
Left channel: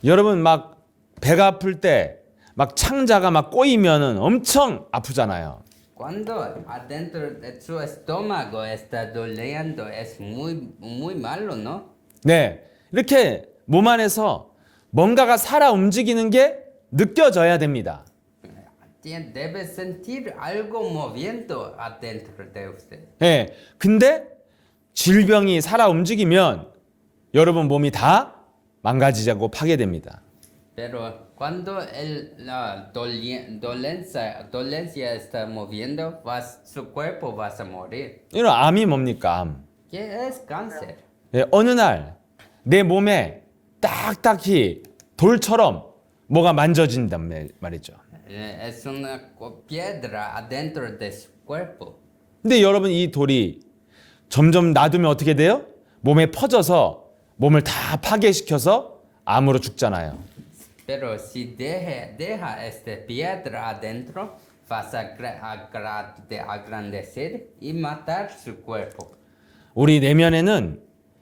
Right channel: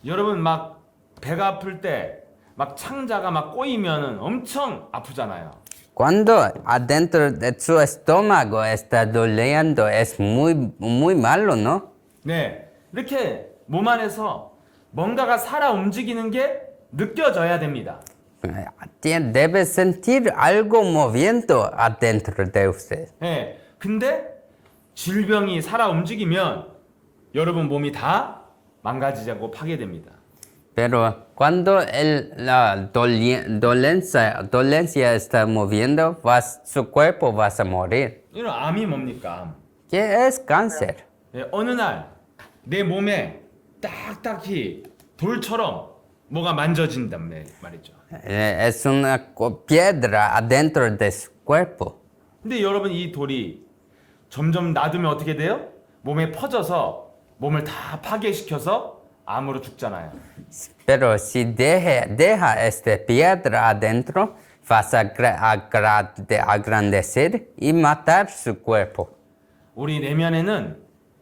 여러분 막 배가 아플 때 막 창자가 막 꼬이면은 엄청 아프잖아요. Cuando adentro de su estómago está doliendo, es muy malo, ¿no? 네, 이렇게 몸 안에서 뭔가가 살아 움직이는 게 느껴져야 됩니다. Debe sentir algo moviendo adentro de usted. 네, 근데 질병이 살아 움직이면 여러분 몸이 다 망가지고 파괴됩니다. Pero cuando la dolencia está moviendo, su cuerpo va a morir. 이런 암이 뭡니까? 암. ¿Qué es cáncer? 네, 어느 날 내 몸에 딱딱히 돌처럼 뭐가 만져진단 말이죠. Es una piedra adentro de su cuerpo. 근데 여러분 이 돌이 점점 놔두면 어떻게 돼요? 몸에 퍼져서 몸을 다 파괴시켜서 암으로 죽잖아요. Pero si deja esta piedra adentro, vas a agrandecer y matar su cuerpo. 우리 내면에는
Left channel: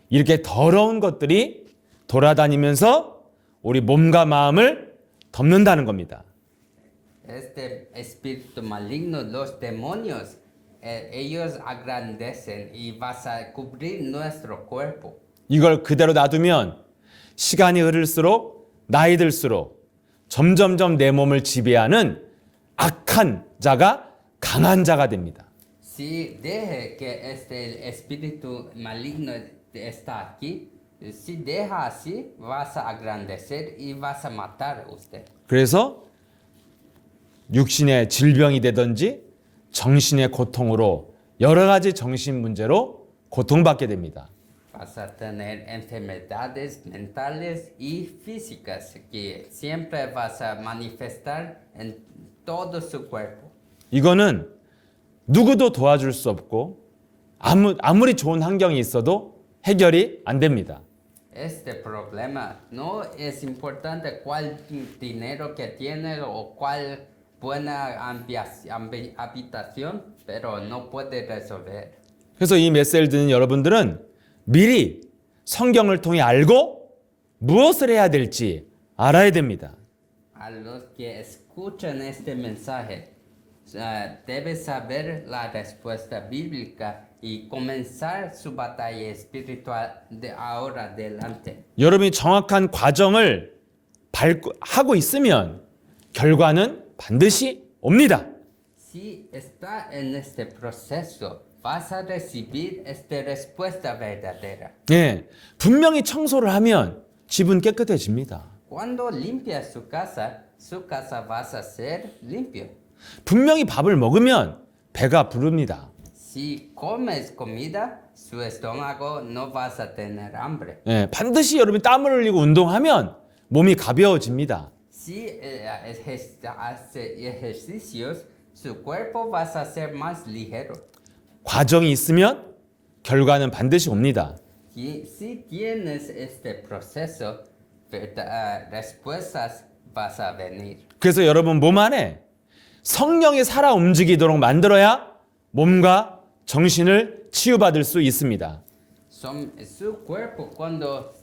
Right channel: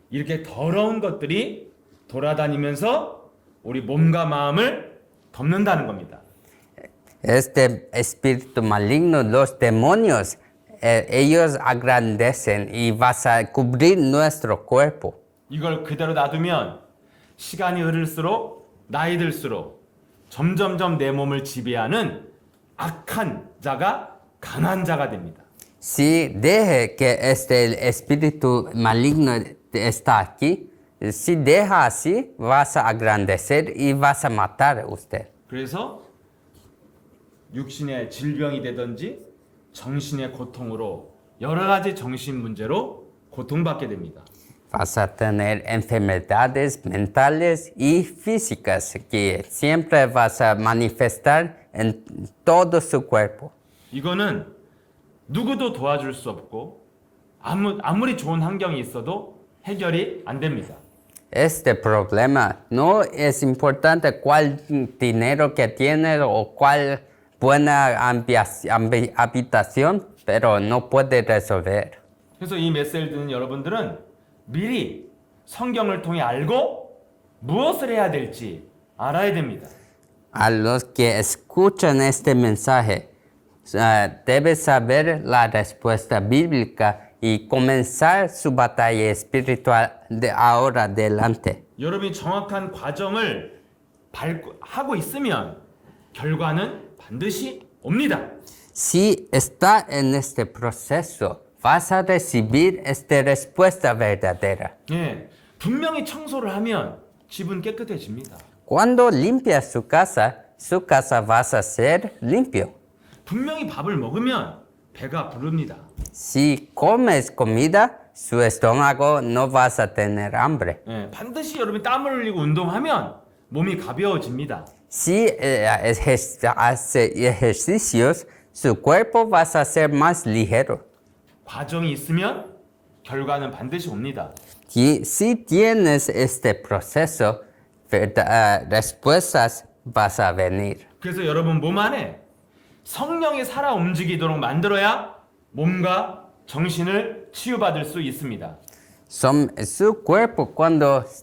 이렇게 더러운 것들이 돌아다니면서 우리 몸과 마음을 덮는다는 겁니다. Este espíritu maligno, los demonios, ellos agrandecen y vas a cubrir nuestro cuerpo. 이걸 그대로 놔두면 시간이 흐를수록 나이 들수록 점점점 내 몸을 지배하는 악한 자가 강한 자가 됩니다. Si deje que este espíritu maligno está aquí, si deja así, vas a agrandecer y vas a matar a usted. 그래서 육신의 질병이 되든지 정신의 고통으로 여러 가지 정신 문제로 고통받게 됩니다. Vas a tener enfermedades mentales y físicas que siempre vas a manifestar en todo su cuerpo. 이거는 누구도 도와줄 수 없고 아무리 좋은 환경이 있어도 해결이 안 됩니다. Este problema no es importante cuál dinero que tienes o cuál buena habitación, pero no puede resolver. 그래서 이 메시지를 듣는 여러분들은 미리 성경을 통해 알고 무엇을 해야 될지 알아야 됩니다. A los que escuchan este mensaje, debes saber la respuesta bíblica y comenzar su batalla espiritual de ahora adelante. 여러분이 정확한 과정을 하고 있으면 결과는 반드시 옵니다. Si está en este proceso, vas a recibir esta respuesta verdadera. 네, 분명히 청소를 하면 집은 깨끗해집니다. Cuando limpias su casa vas a ser limpio. 분명히 밥을 먹으면 배가 부릅니다. Si comes comida, su estómago no vas a tener hambre. 네, 반드시 여러분이 땀을 흘리고 운동하면 몸이 가벼워집니다. Si hace ejercicios, su cuerpo va a ser más ligero. 과정이 있으면 결과는 반드시 옵니다. Y si tienes este proceso, respuestas vas a venir. 그래서 여러분 몸 안에 성령이 살아 움직이도록 만들어야 몸과 정신을 치유받을 수 있습니다. Su cuerpo,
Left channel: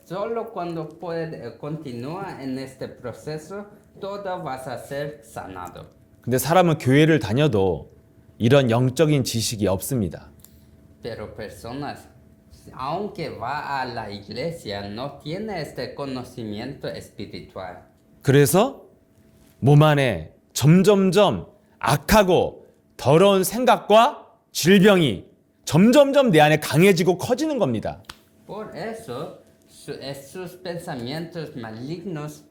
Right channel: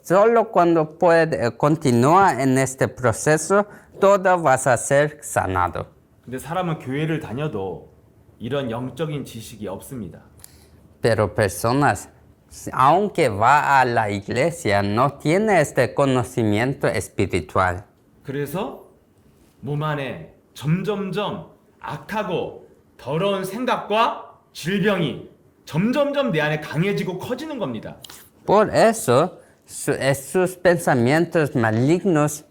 solo cuando puede, continúa en este proceso, todo vas a ser sanado. 근데 사람은 교회를 다녀도 이런 영적인 지식이 없습니다. Pero personas, aunque va a la iglesia, no tiene este conocimiento espiritual. 그래서 몸 안에 점점점 악하고 더러운 생각과 질병이 점점점 내 안에 강해지고 커지는 겁니다. Por eso, sus pensamientos malignos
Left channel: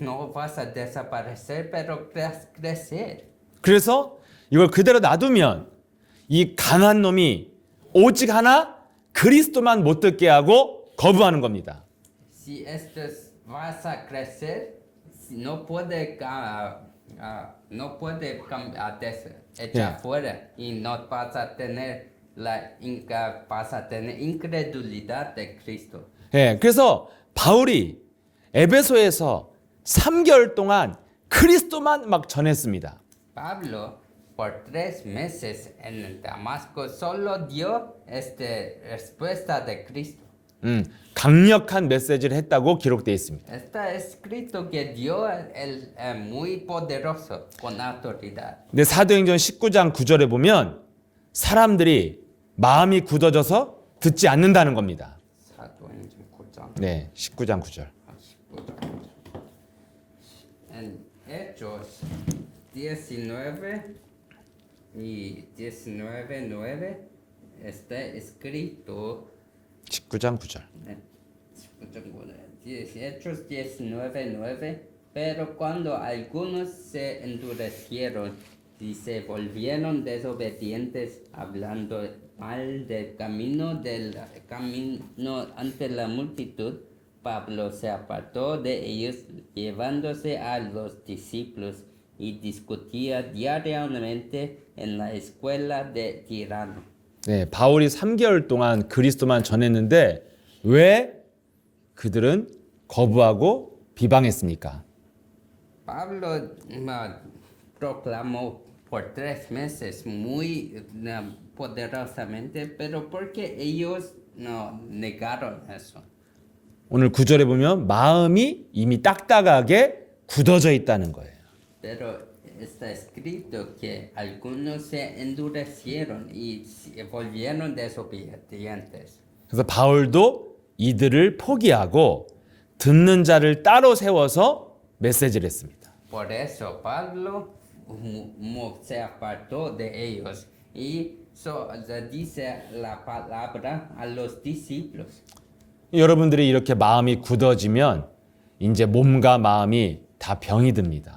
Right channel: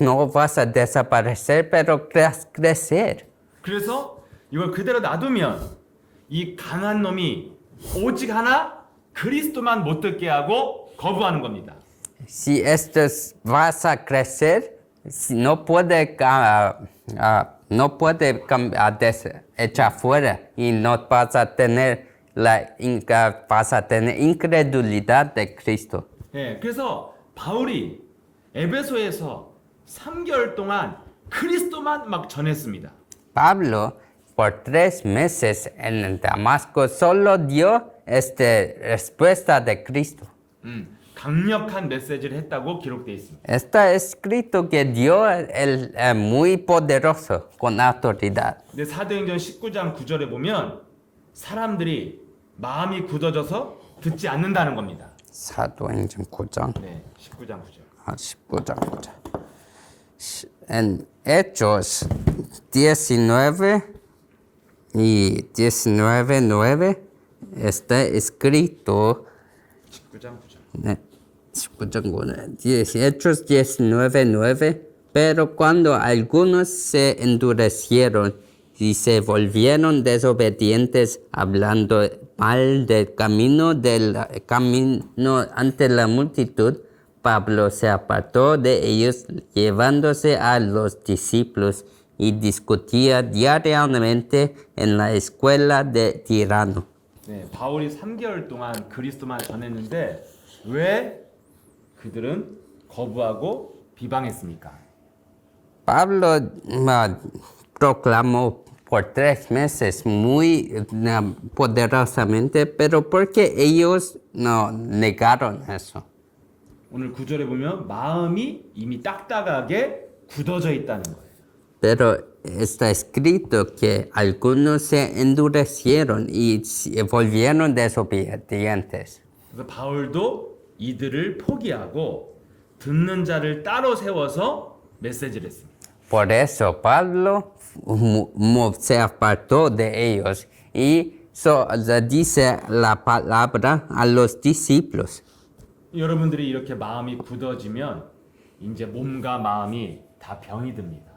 no vas a desaparecer, pero crecer. 그래서 이걸 그대로 놔두면 이 강한 놈이 오직 하나 그리스도만 못 듣게 하고 거부하는 겁니다. Si estos vas a crecer, no puede, echar fuera y no vas a tener vas a tener incredulidad de Cristo. 예, 그래서 바울이 에베소에서 3개월 동안 그리스도만 막 전했습니다. Pablo, por 3 meses en Damasco, solo dio respuesta de Cristo. 강력한 메시지를 했다고 기록되어 있습니다. Está escrito que dio muy poderoso, con autoridad. 근데 사도행전 19장 9절에 보면 사람들이 마음이 굳어져서 듣지 않는다는 겁니다. 사도행전 9장. 네, 19장 9절. 19장 9절. En Hechos 19 y 19:9 está escrito 19장 9절. Hechos 19:9. Pero cuando algunos se endurecieron y se volvieron desobedientes, hablando mal del camino ante la multitud, Pablo se apartó de ellos, llevándose a los discípulos, y discutía diariamente en la escuela de Tirano. 네, 바울이 3개월 동안 그리스도만 전했는데 왜 그들은 거부하고 비방했습니까? Pablo proclamó por 3 meses muy poderosamente, pero porque ellos no negaron eso. 오늘 9절에 보면 마음이 이미 딱딱하게 굳어져 있다는 거예요. Pero está escrito que algunos se endurecieron y volvieron desobedientes. 그래서 바울도 이들을 포기하고 듣는 자를 따로 세워서 메시지를 했습니다. Por eso Pablo se apartó de ellos y dice la palabra a los discípulos. 여러분들이 이렇게 마음이 굳어지면 이제 몸과 마음이 다 병이 듭니다.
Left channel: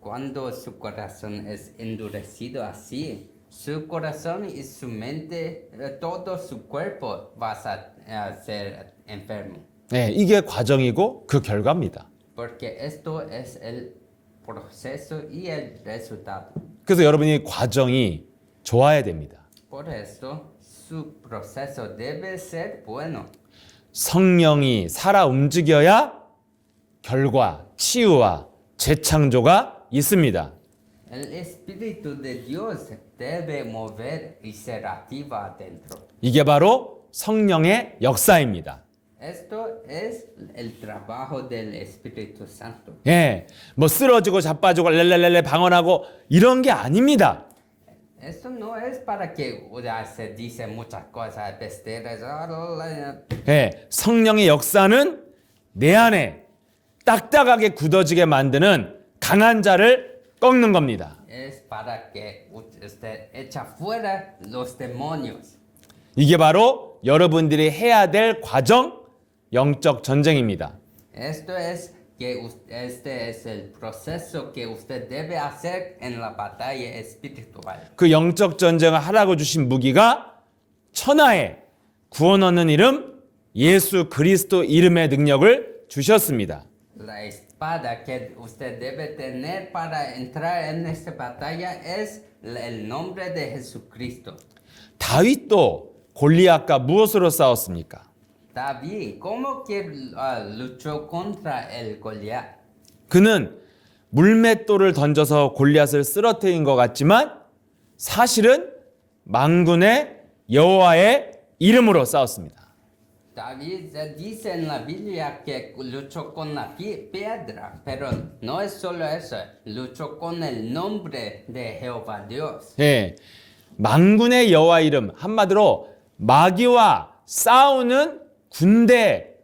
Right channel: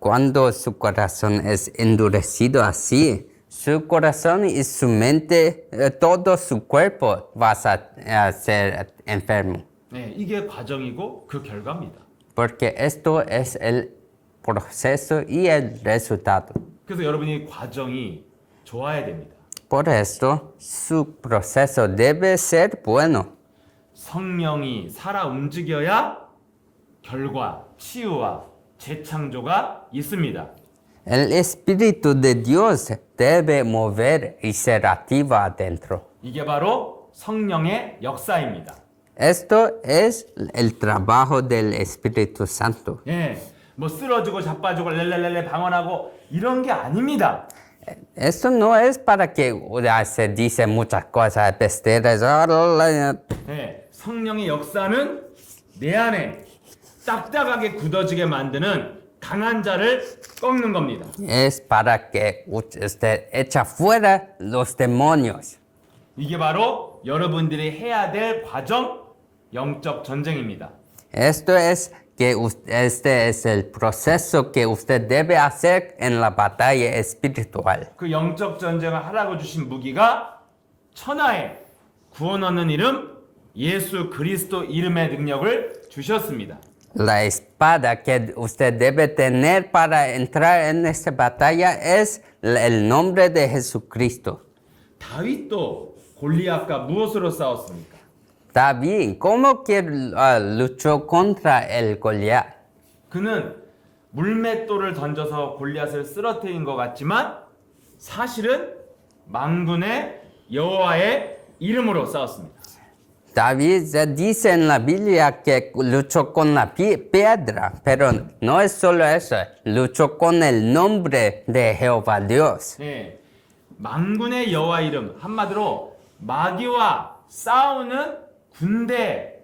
Cuando su corazón es endurecido así, su corazón y su mente, todo su cuerpo va a ser enfermo. 네, 이게 과정이고 그 결과입니다. Porque esto es el proceso y el resultado. 그래서 여러분이 과정이 좋아야 됩니다. Por eso, su proceso debe ser bueno. 성령이 살아 움직여야 결과, 치유와 재창조가 있습니다. El Espíritu de Dios debe mover y ser activo adentro. 이게 바로 성령의 역사입니다. Esto es el trabajo del Espíritu Santo. 예, 뭐 쓰러지고 자빠지고 렐렐렐레 방언하고 이런 게 아닙니다. Esto no es para que se dice muchas cosas, besteras. 예, 성령의 역사는 내 안에 딱딱하게 굳어지게 만드는 강한 자를 꺾는 겁니다. Es para que usted echa fuera los demonios. 이게 바로 여러분들이 해야 될 과정, 영적 전쟁입니다. Esto es que este es el proceso que usted debe hacer en la batalla espiritual. 그 영적 전쟁을 하라고 주신 무기가 천하에 구원 얻는 이름 예수 그리스도 이름의 능력을 주셨습니다. La espada que usted debe tener para entrar en esta batalla es el nombre de Jesucristo. 다윗도 골리앗과 무엇으로 싸웠습니까? David, ¿cómo que luchó contra el Goliat? 그는 물맷돌을 던져서 골리앗을 쓰러뜨린 것 같지만 사실은 만군의 여호와의 이름으로 싸웠습니다. David dice en la Biblia que luchó con la piedra, pero no es solo eso, luchó con el nombre de Jehová Dios. 예, 만군의 여호와 이름, 한마디로 마귀와 싸우는 군대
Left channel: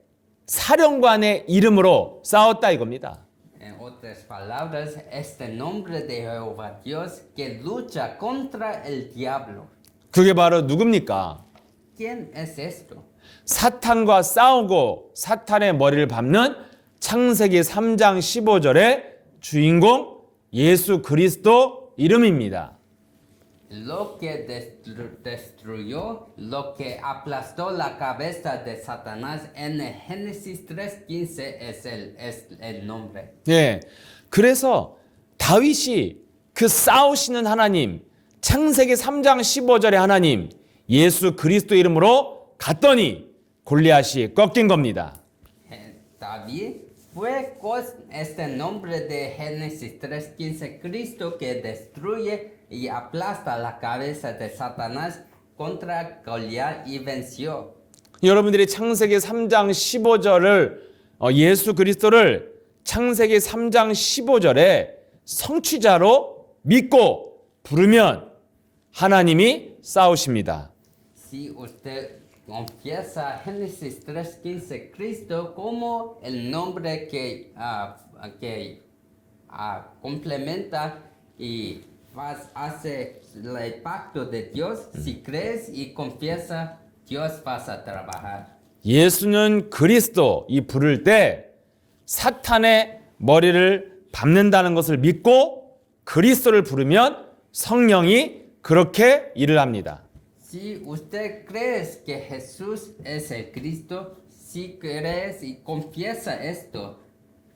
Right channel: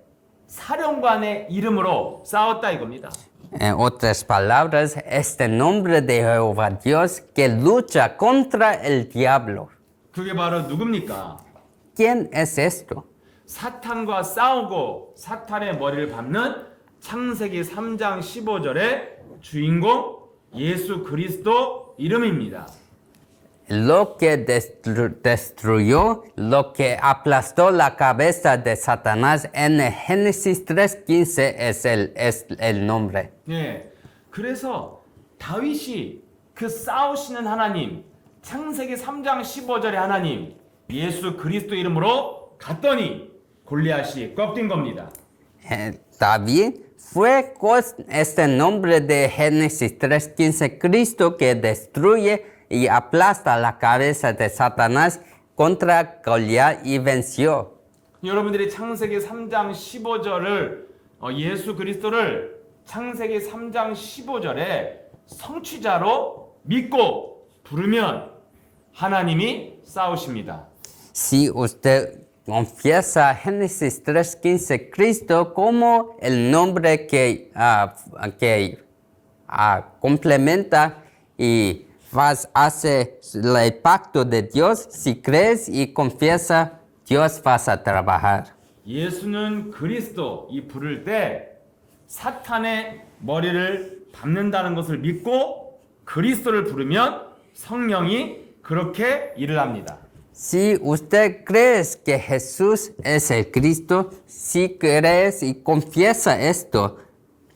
사령관의 이름으로 싸웠다 이겁니다. En otras palabras, este nombre de Jehová Dios que lucha contra el diablo. 그게 바로 누굽니까? ¿Quién es esto? 사탄과 싸우고 사탄의 머리를 밟는 창세기 3장 15절의 주인공 예수 그리스도 이름입니다. Lo que destruyó, lo que aplastó la cabeza de Satanás en Génesis 3:15 es el nombre. 예. 그래서 다윗이 그 싸우시는 하나님, 창세기 3장 15절의 하나님, 예수 그리스도 이름으로 갔더니 골리앗이 꺾인 겁니다. David fue con este nombre de Génesis 3:15, Cristo que destruye y aplasta la cabeza de Satanás contra Goliat y venció. 여러분들이 창세기 3장 15절을 예수 그리스도를 창세기 3장 15절에 성취자로 믿고 부르면 하나님이 싸우십니다. Si usted confiesa Génesis 3:15, Cristo como el nombre que complementa y hace el pacto de Dios, si crees y confiesa, Dios vas a trabajar. 예수는 그리스도 이 부를 때 사탄의 머리를 밟는다는 것을 믿고 그리스도를 부르면 성령이 그렇게 일을 합니다. Si usted cree que Jesús es el Cristo, si crees y confiesa esto,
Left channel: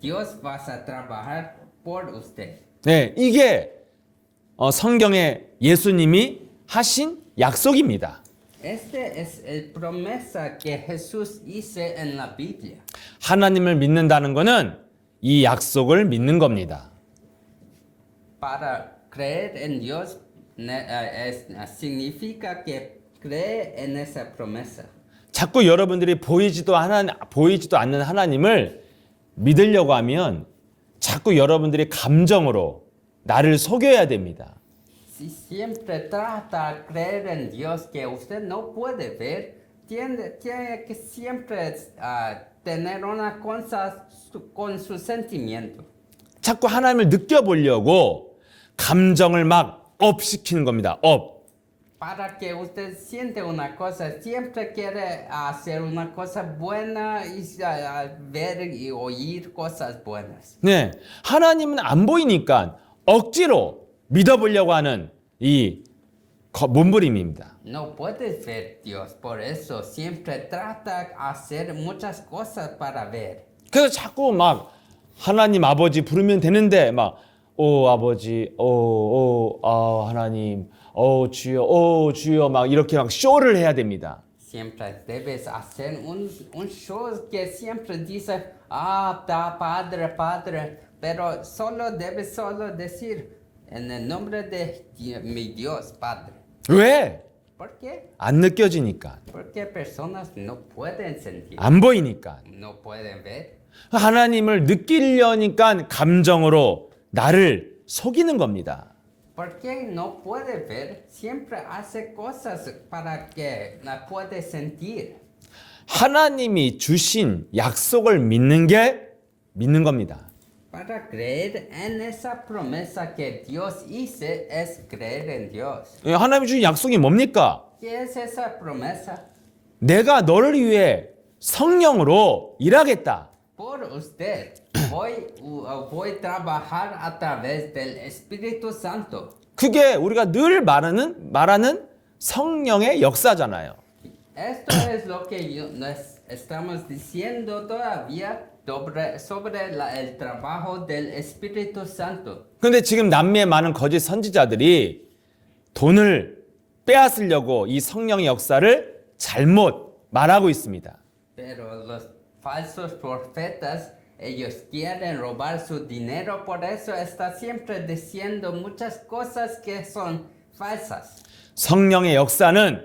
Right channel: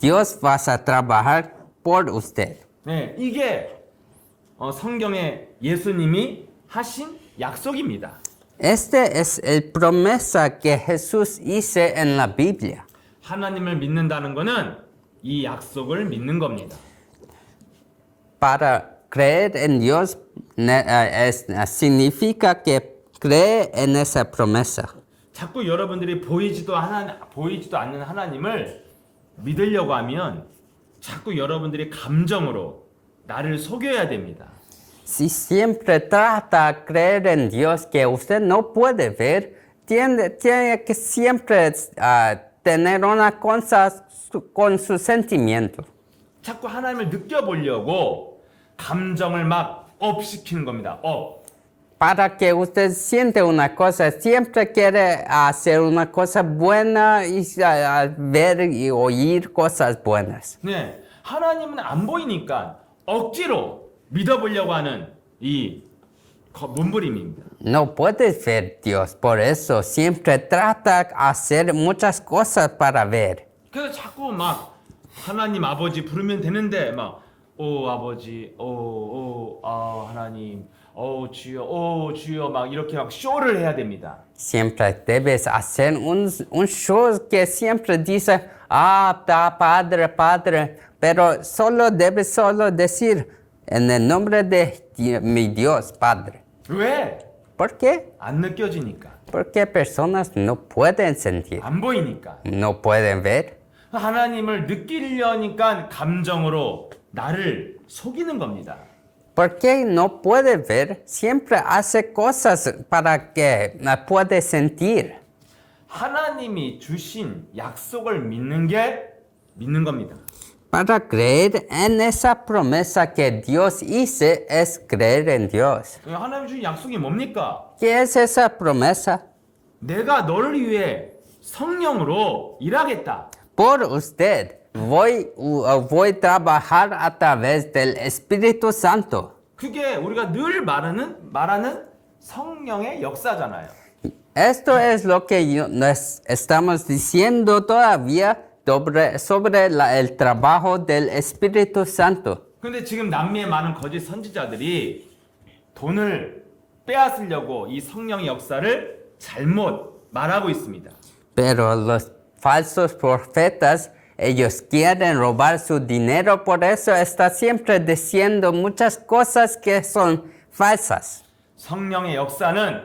Dios va a trabajar por usted. 네, 이게 성경에 예수님이 하신 약속입니다. Este es el promesa que Jesús hizo en la Biblia. 하나님을 믿는다는 것은 이 약속을 믿는 겁니다. Para creer en Dios significa que cree en esa promesa. 자꾸 여러분들이 보이지도 않는 하나님을 믿으려고 하면 자꾸 여러분들이 감정으로 나를 속여야 됩니다. Si siempre trata de creer en Dios que usted no puede ver, tiene que siempre tener una cosa con su sentimiento. 자꾸 하나님을 느껴보려고 감정을 막 업시키는 겁니다. 업. Para que usted siente una cosa, siempre quiere hacer una cosa buena y ver y oír cosas buenas. 네, 하나님은 안 보이니까 억지로 믿어보려고 하는 이 몸부림입니다. No puedes ver Dios, por eso siempre trata de hacer muchas cosas para ver. 그래서 자꾸 막 하나님 아버지 부르면 되는데 막 아버지, 하나님, 주여 막 이렇게 막 쇼를 해야 됩니다. Siempre debes hacer un show que siempre dice, Padre, pero debes solo decir, en el nombre de mi Dios, Padre. 왜? ¿Por qué? 안 느껴지니까. Porque personas no pueden sentir, 안 보이니까. no pueden ver. 하나님을 느끼려니까 감정으로 나를 속이는 겁니다. Porque no puede ver, siempre hace cosas para que puede sentir. 하나님이 주신 약속을 믿는 겁니다. Para creer en esa promesa que Dios hizo es creer en Dios. 하나님이 주신 약속이 뭡니까? ¿Qué es esa promesa? 내가 너를 위해 성령으로 일하겠다. Por usted voy a trabajar a través del Espíritu Santo. 그게 우리가 늘 말하는 성령의 역사잖아요. Esto es lo que estamos diciendo todavía, el trabajo del Espíritu Santo. 근데 지금 남미의 많은 거짓 선지자들이 돈을 빼앗으려고 이 성령의 역사를 잘못 말하고 있습니다. Pero los falsos profetas, ellos quieren robar su dinero, por eso está siempre diciendo muchas cosas que son falsas. 성령의 역사는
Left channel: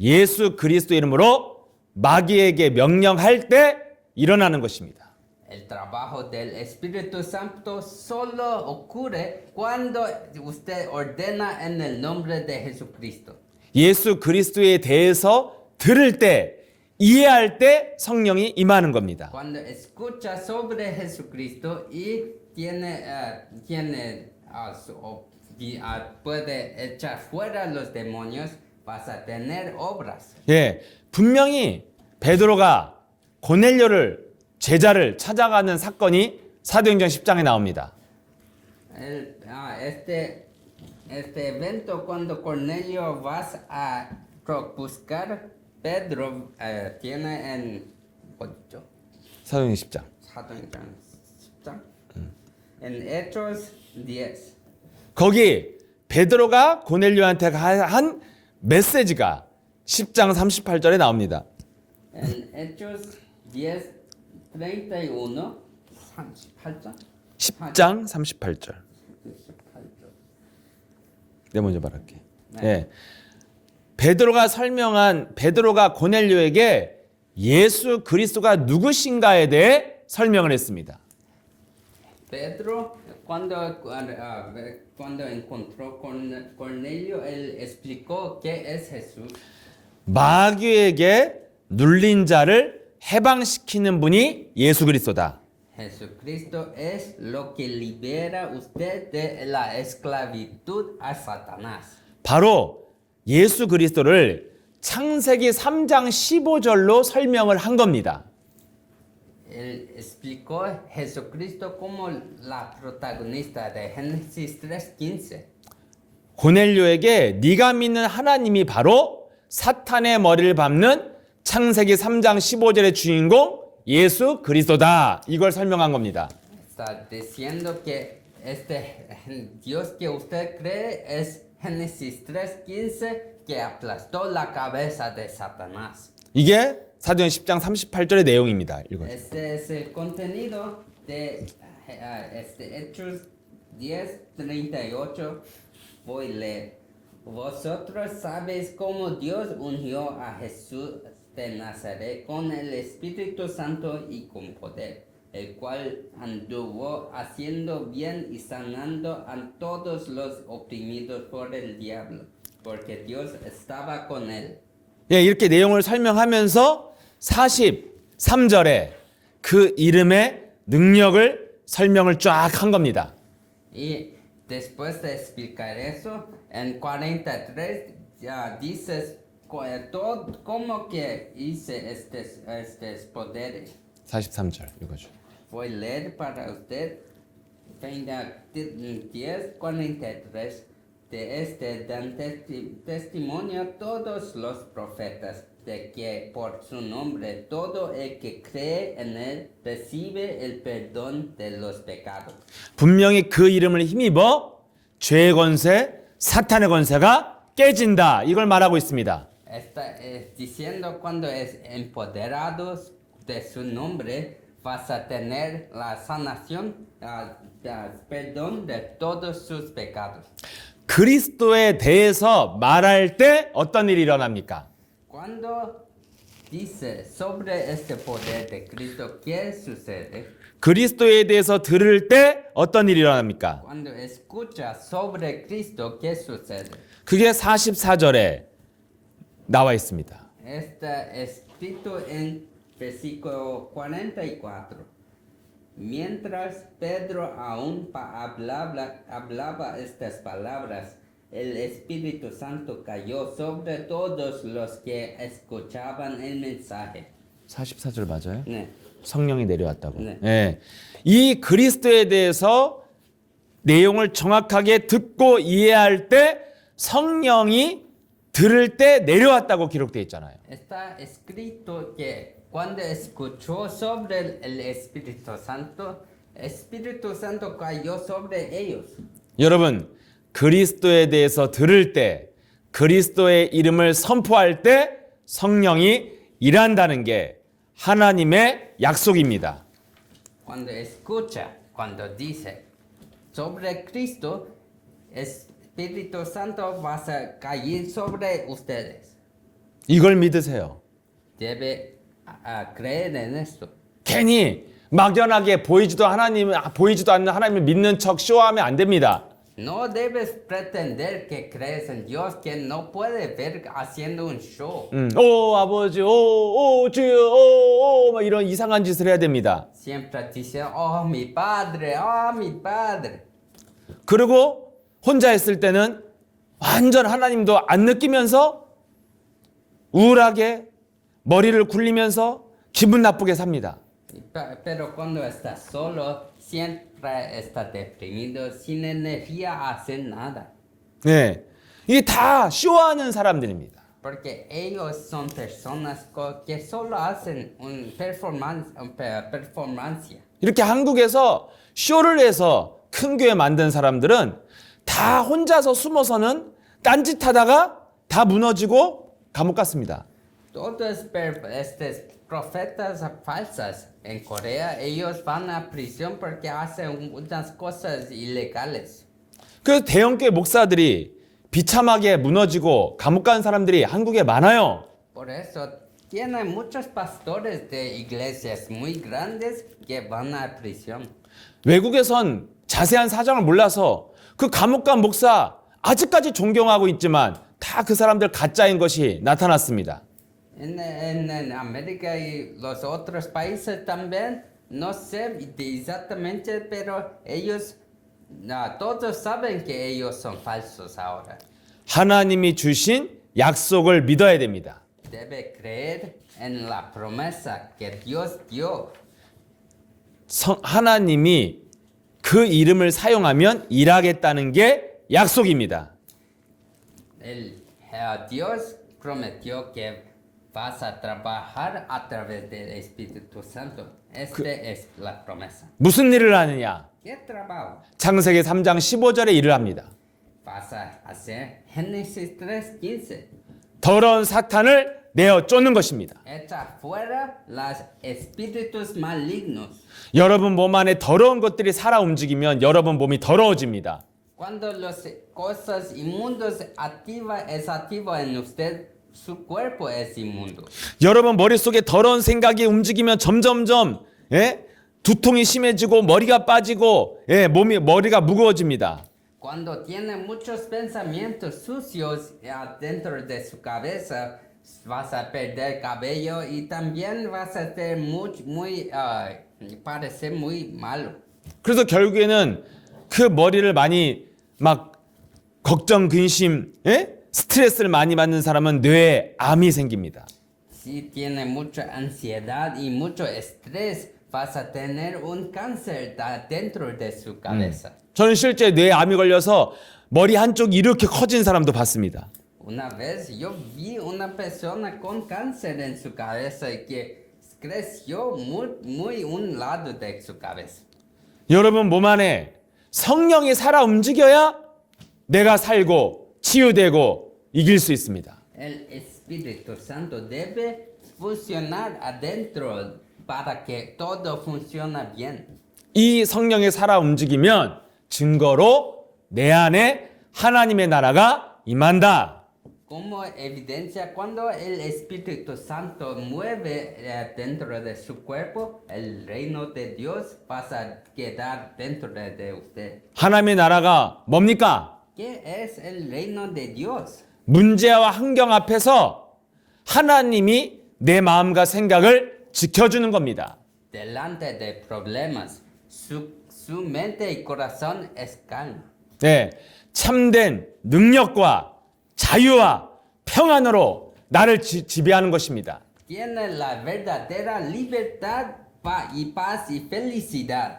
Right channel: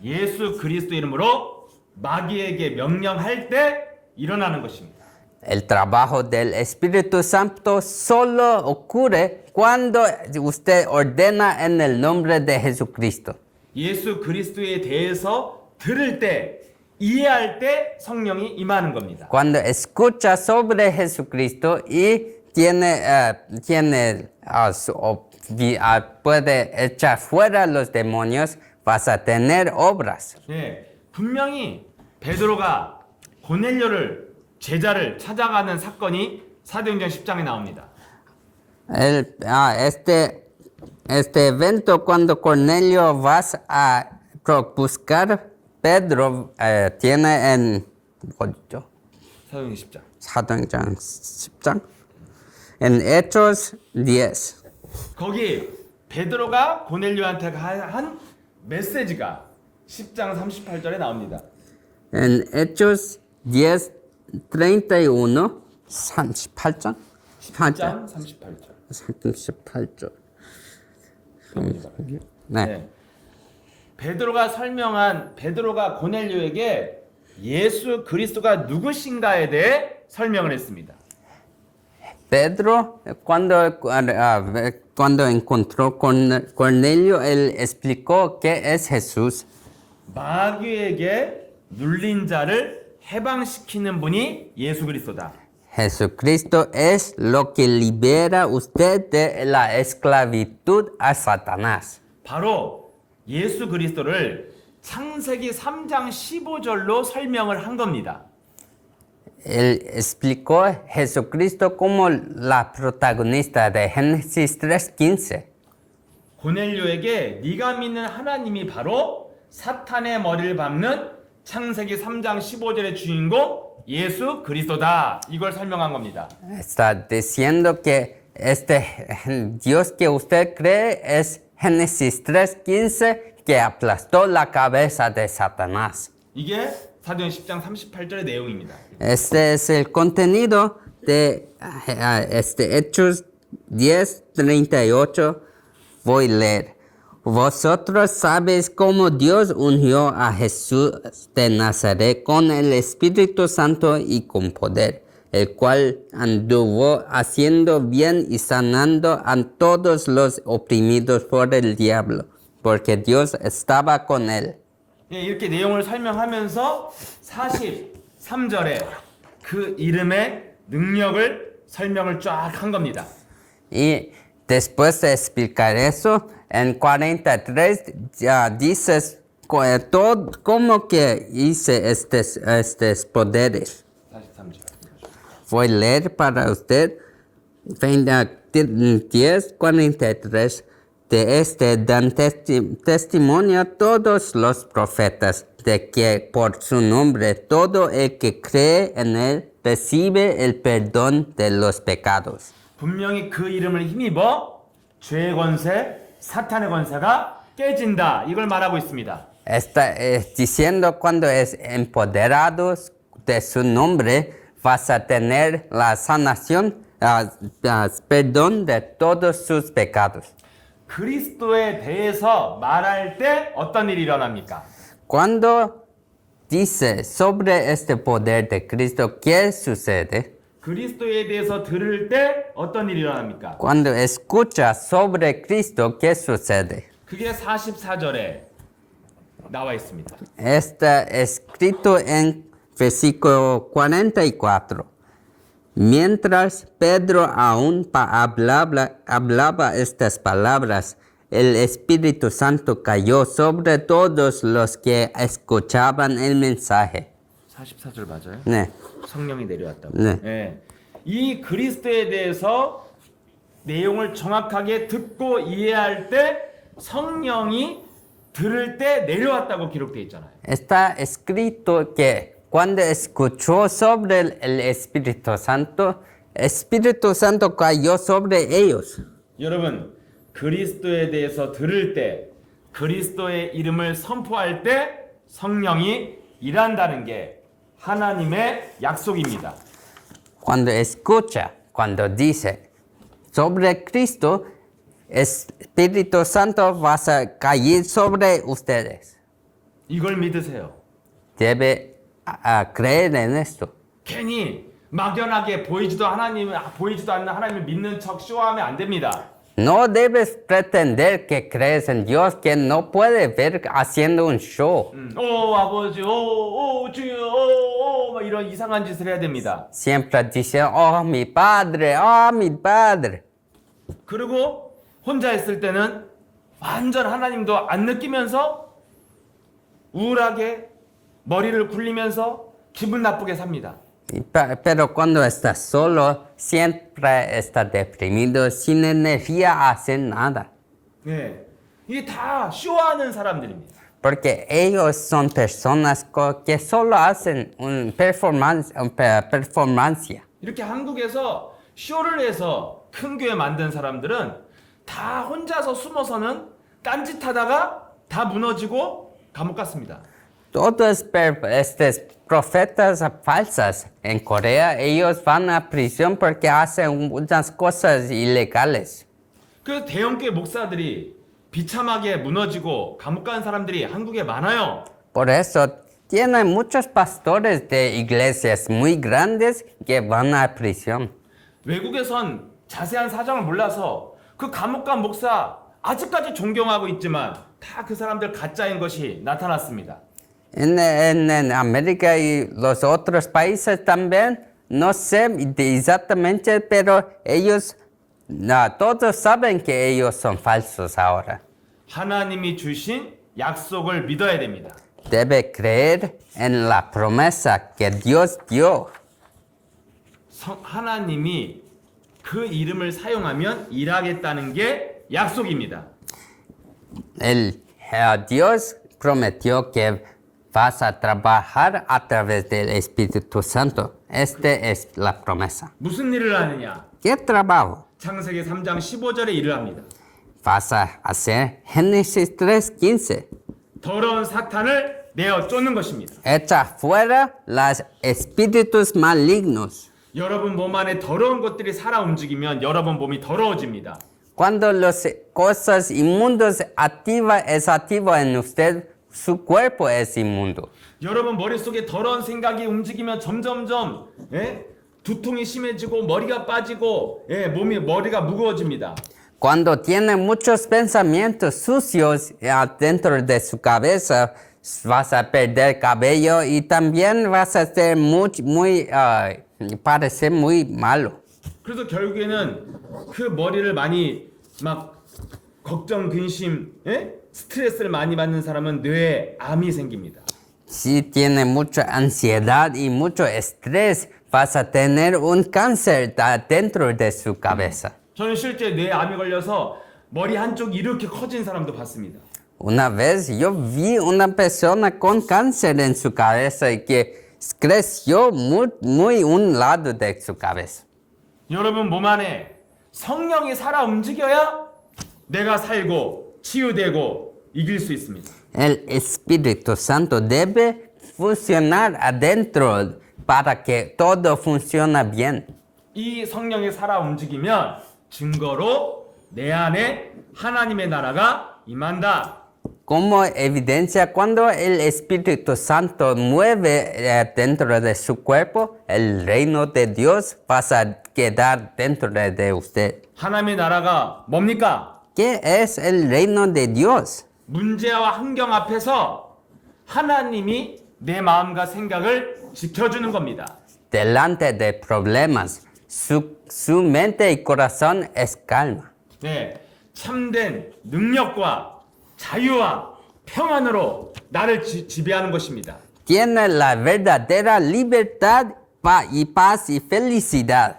예수 그리스도 이름으로 마귀에게 명령할 때 일어나는 것입니다. El trabajo del Espíritu Santo solo ocurre cuando usted ordena en el nombre de Jesucristo. 예수 그리스도에 대해서 들을 때, 이해할 때 성령이 임하는 겁니다. Cuando escucha sobre Jesucristo y puede echar fuera los demonios, vas a tener obras. 예, 분명히 베드로가 고넬료를 제자를 찾아가는 사건이 사도행전 10장에 나옵니다. Este evento cuando Cornelio vas a buscar Pedro tiene en 어디죠? 사도행전 10장. 사도행전 10장. En Hechos 10. 거기 베드로가 고넬료한테 한 메시지가 10장 38절에 나옵니다. En Hechos 10, 31, 38장? 10장 38절. 38절. 내가 먼저 말할게요. 네. 베드로가 고넬료에게 예수 그리스도가 누구신가에 대해 설명을 했습니다. Pedro, cuando encontró con Cornelio, él explicó qué es Jesús. 마귀에게 눌린 자를 해방시키는 분이 예수 그리스도다. Jesucristo es lo que libera usted de la esclavitud a Satanás. 바로 예수 그리스도를 창세기 3장 15절로 설명을 한 겁니다. Él explicó a Jesucristo como la protagonista de Génesis 3:15. 고넬료에게 네가 믿는 하나님이 바로 사탄의 머리를 밟는 창세기 3장 15절의 주인공 예수 그리스도다. 이걸 설명한 겁니다. Está diciendo que este Dios que usted cree es Génesis 3:15 que aplastó la cabeza de Satanás. 이게 사도행 10장 38절의 내용입니다. Este es el contenido de Hechos 10:38. Voy a leer. Vosotros sabéis cómo Dios ungió a Jesús de Nazaret con el Espíritu Santo y con poder, el cual anduvo haciendo bien y sanando a todos los oprimidos por el diablo, porque Dios estaba con él. 예, 이렇게 내용을 설명하면서 43절에 그 이름의 능력을 설명을 쫙 한 겁니다. Y después de explicar eso, en 43 ya dices todo cómo que hice estos poderes. 43절 읽어줘. Voy a leer para usted 10:43. De este dan testimonio todos los profetas de que por su nombre todo el que cree en él recibe el perdón de los pecados. 분명히 그 이름을 힘입어 죄의 권세, 사탄의 권세가 깨진다. 이걸 말하고 있습니다. Está diciendo cuando es empoderado de su nombre vas a tener la sanación, perdón de todos sus pecados. 그리스도에 대해서 말할 때 어떤 일이 일어납니까? Cuando dice sobre este poder de Cristo, ¿qué sucede? 그리스도에 대해서 들을 때 어떤 일이 일어납니까? Cuando escucha sobre Cristo, ¿qué sucede? 그게 44절에 나와 있습니다. Está escrito en versículo 44. Mientras Pedro aún hablaba estas palabras, el Espíritu Santo cayó sobre todos los que escuchaban el mensaje. 44절 맞아요? 네. 성령이 내려왔다고. 네. 예. 이 그리스도에 대해서 내용을 정확하게 듣고 이해할 때 성령이 들을 때 내려왔다고 기록되어 있잖아요. Está escrito que Cuando escuchó sobre el Espíritu Santo cayó sobre ellos. 여러분, 그리스도에 대해서 들을 때, 그리스도의 이름을 선포할 때 성령이 일한다는 게 하나님의 약속입니다. Cuando escucha, cuando dice sobre Cristo, Espíritu Santo va a caer sobre ustedes. 이걸 믿으세요. Debe creer en esto. 괜히 막연하게 보이지도 않는 하나님을 믿는 척 쇼하면 안 됩니다. No debes pretender que crees en Dios que no puede ver haciendo un show. 오 아버지, 오 주여, 막 이런 이상한 짓을 해야 됩니다. Siempre diciendo, oh mi padre, oh mi padre. 그리고 혼자 있을 때는 완전 하나님도 안 느끼면서 우울하게 머리를 굴리면서 기분 나쁘게 삽니다. Pero cuando estás solo, siempre estás deprimido, sin energía a hacer nada. 네, 이게 다 쇼하는 사람들입니다. Porque ellos son personas que solo hacen un performancia. 이렇게 한국에서 쇼를 해서 큰 교회 만든 사람들은 다 혼자서 숨어서는 딴짓하다가 다 무너지고 감옥 갔습니다. Todos estos profetas falsas en Corea, ellos van a prisión porque hacen unas cosas ilegales. 그래서 대형교회 목사들이 비참하게 무너지고 감옥 간 사람들이 한국에 많아요. Por eso tienen muchos pastores de iglesias muy grandes que van a prisión. 외국에선 자세한 사정을 몰라서 그 감옥 간 목사 아직까지 존경하고 있지만 다 그 사람들 가짜인 것이 나타났습니다. En América y los otros países también, no sé exactamente, pero ellos, todos saben que ellos son falsos ahora. 하나님이 주신 약속을 믿어야 됩니다. Debe creer en la promesa que Dios dio. 하나님이 그 이름을 사용하면 일하겠다는 게 약속입니다. Dios prometió que vas a trabajar a través del Espíritu Santo. Esta es la promesa. 무슨 일을 하느냐? ¿Qué trabajo? 창세기 3장 15절에 일을 합니다. Vas a hacer Génesis 3:15. 더러운 사탄을 내어 쫓는 것입니다. Echa fuera los espíritus malignos. 여러분 몸 안에 더러운 것들이 살아 움직이면 여러분 몸이 더러워집니다. Cuando las cosas inmundas es activo en usted, su cuerpo es inmundo. 여러분 머릿속에 더러운 생각이 움직이면 점점점 두통이 심해지고 머리가 빠지고 머리가 무거워집니다. Cuando tiene muchos pensamientos sucios dentro de su cabeza, vas a perder cabello y también vas a ser parecer muy malo. 그래서 결국에는 그 머리를 많이 막 걱정, 근심, 스트레스를 많이 받는 사람은 뇌에 암이 생깁니다. Si tiene mucha ansiedad y mucho estrés, vas a tener un cáncer dentro de su cabeza. 저는 실제 뇌에 암이 걸려서 머리 한쪽이 이렇게 커진 사람도 봤습니다. Una vez yo vi una persona con cáncer en su cabeza y que creció muy un lado de su cabeza. 여러분 몸 안에 성령이 살아 움직여야 내가 살고 치유되고 이길 수 있습니다. El Espíritu Santo debe funcionar adentro para que todo funcione bien. 이 성령이 살아 움직이면 증거로 내 안에 하나님의 나라가 임한다. Como evidencia, cuando el Espíritu Santo mueve dentro de su cuerpo, el reino de Dios va a quedar dentro de usted. 하나님의 나라가 뭡니까? ¿Qué es el reino de Dios? 문제와 환경 앞에서 하나님이 내 마음과 생각을 지켜주는 겁니다. Delante de problemas, su mente y corazón es calma. 네, 참된 능력과 자유와 평안으로 나를 지배하는 것입니다. Tiene la verdadera libertad, paz y felicidad.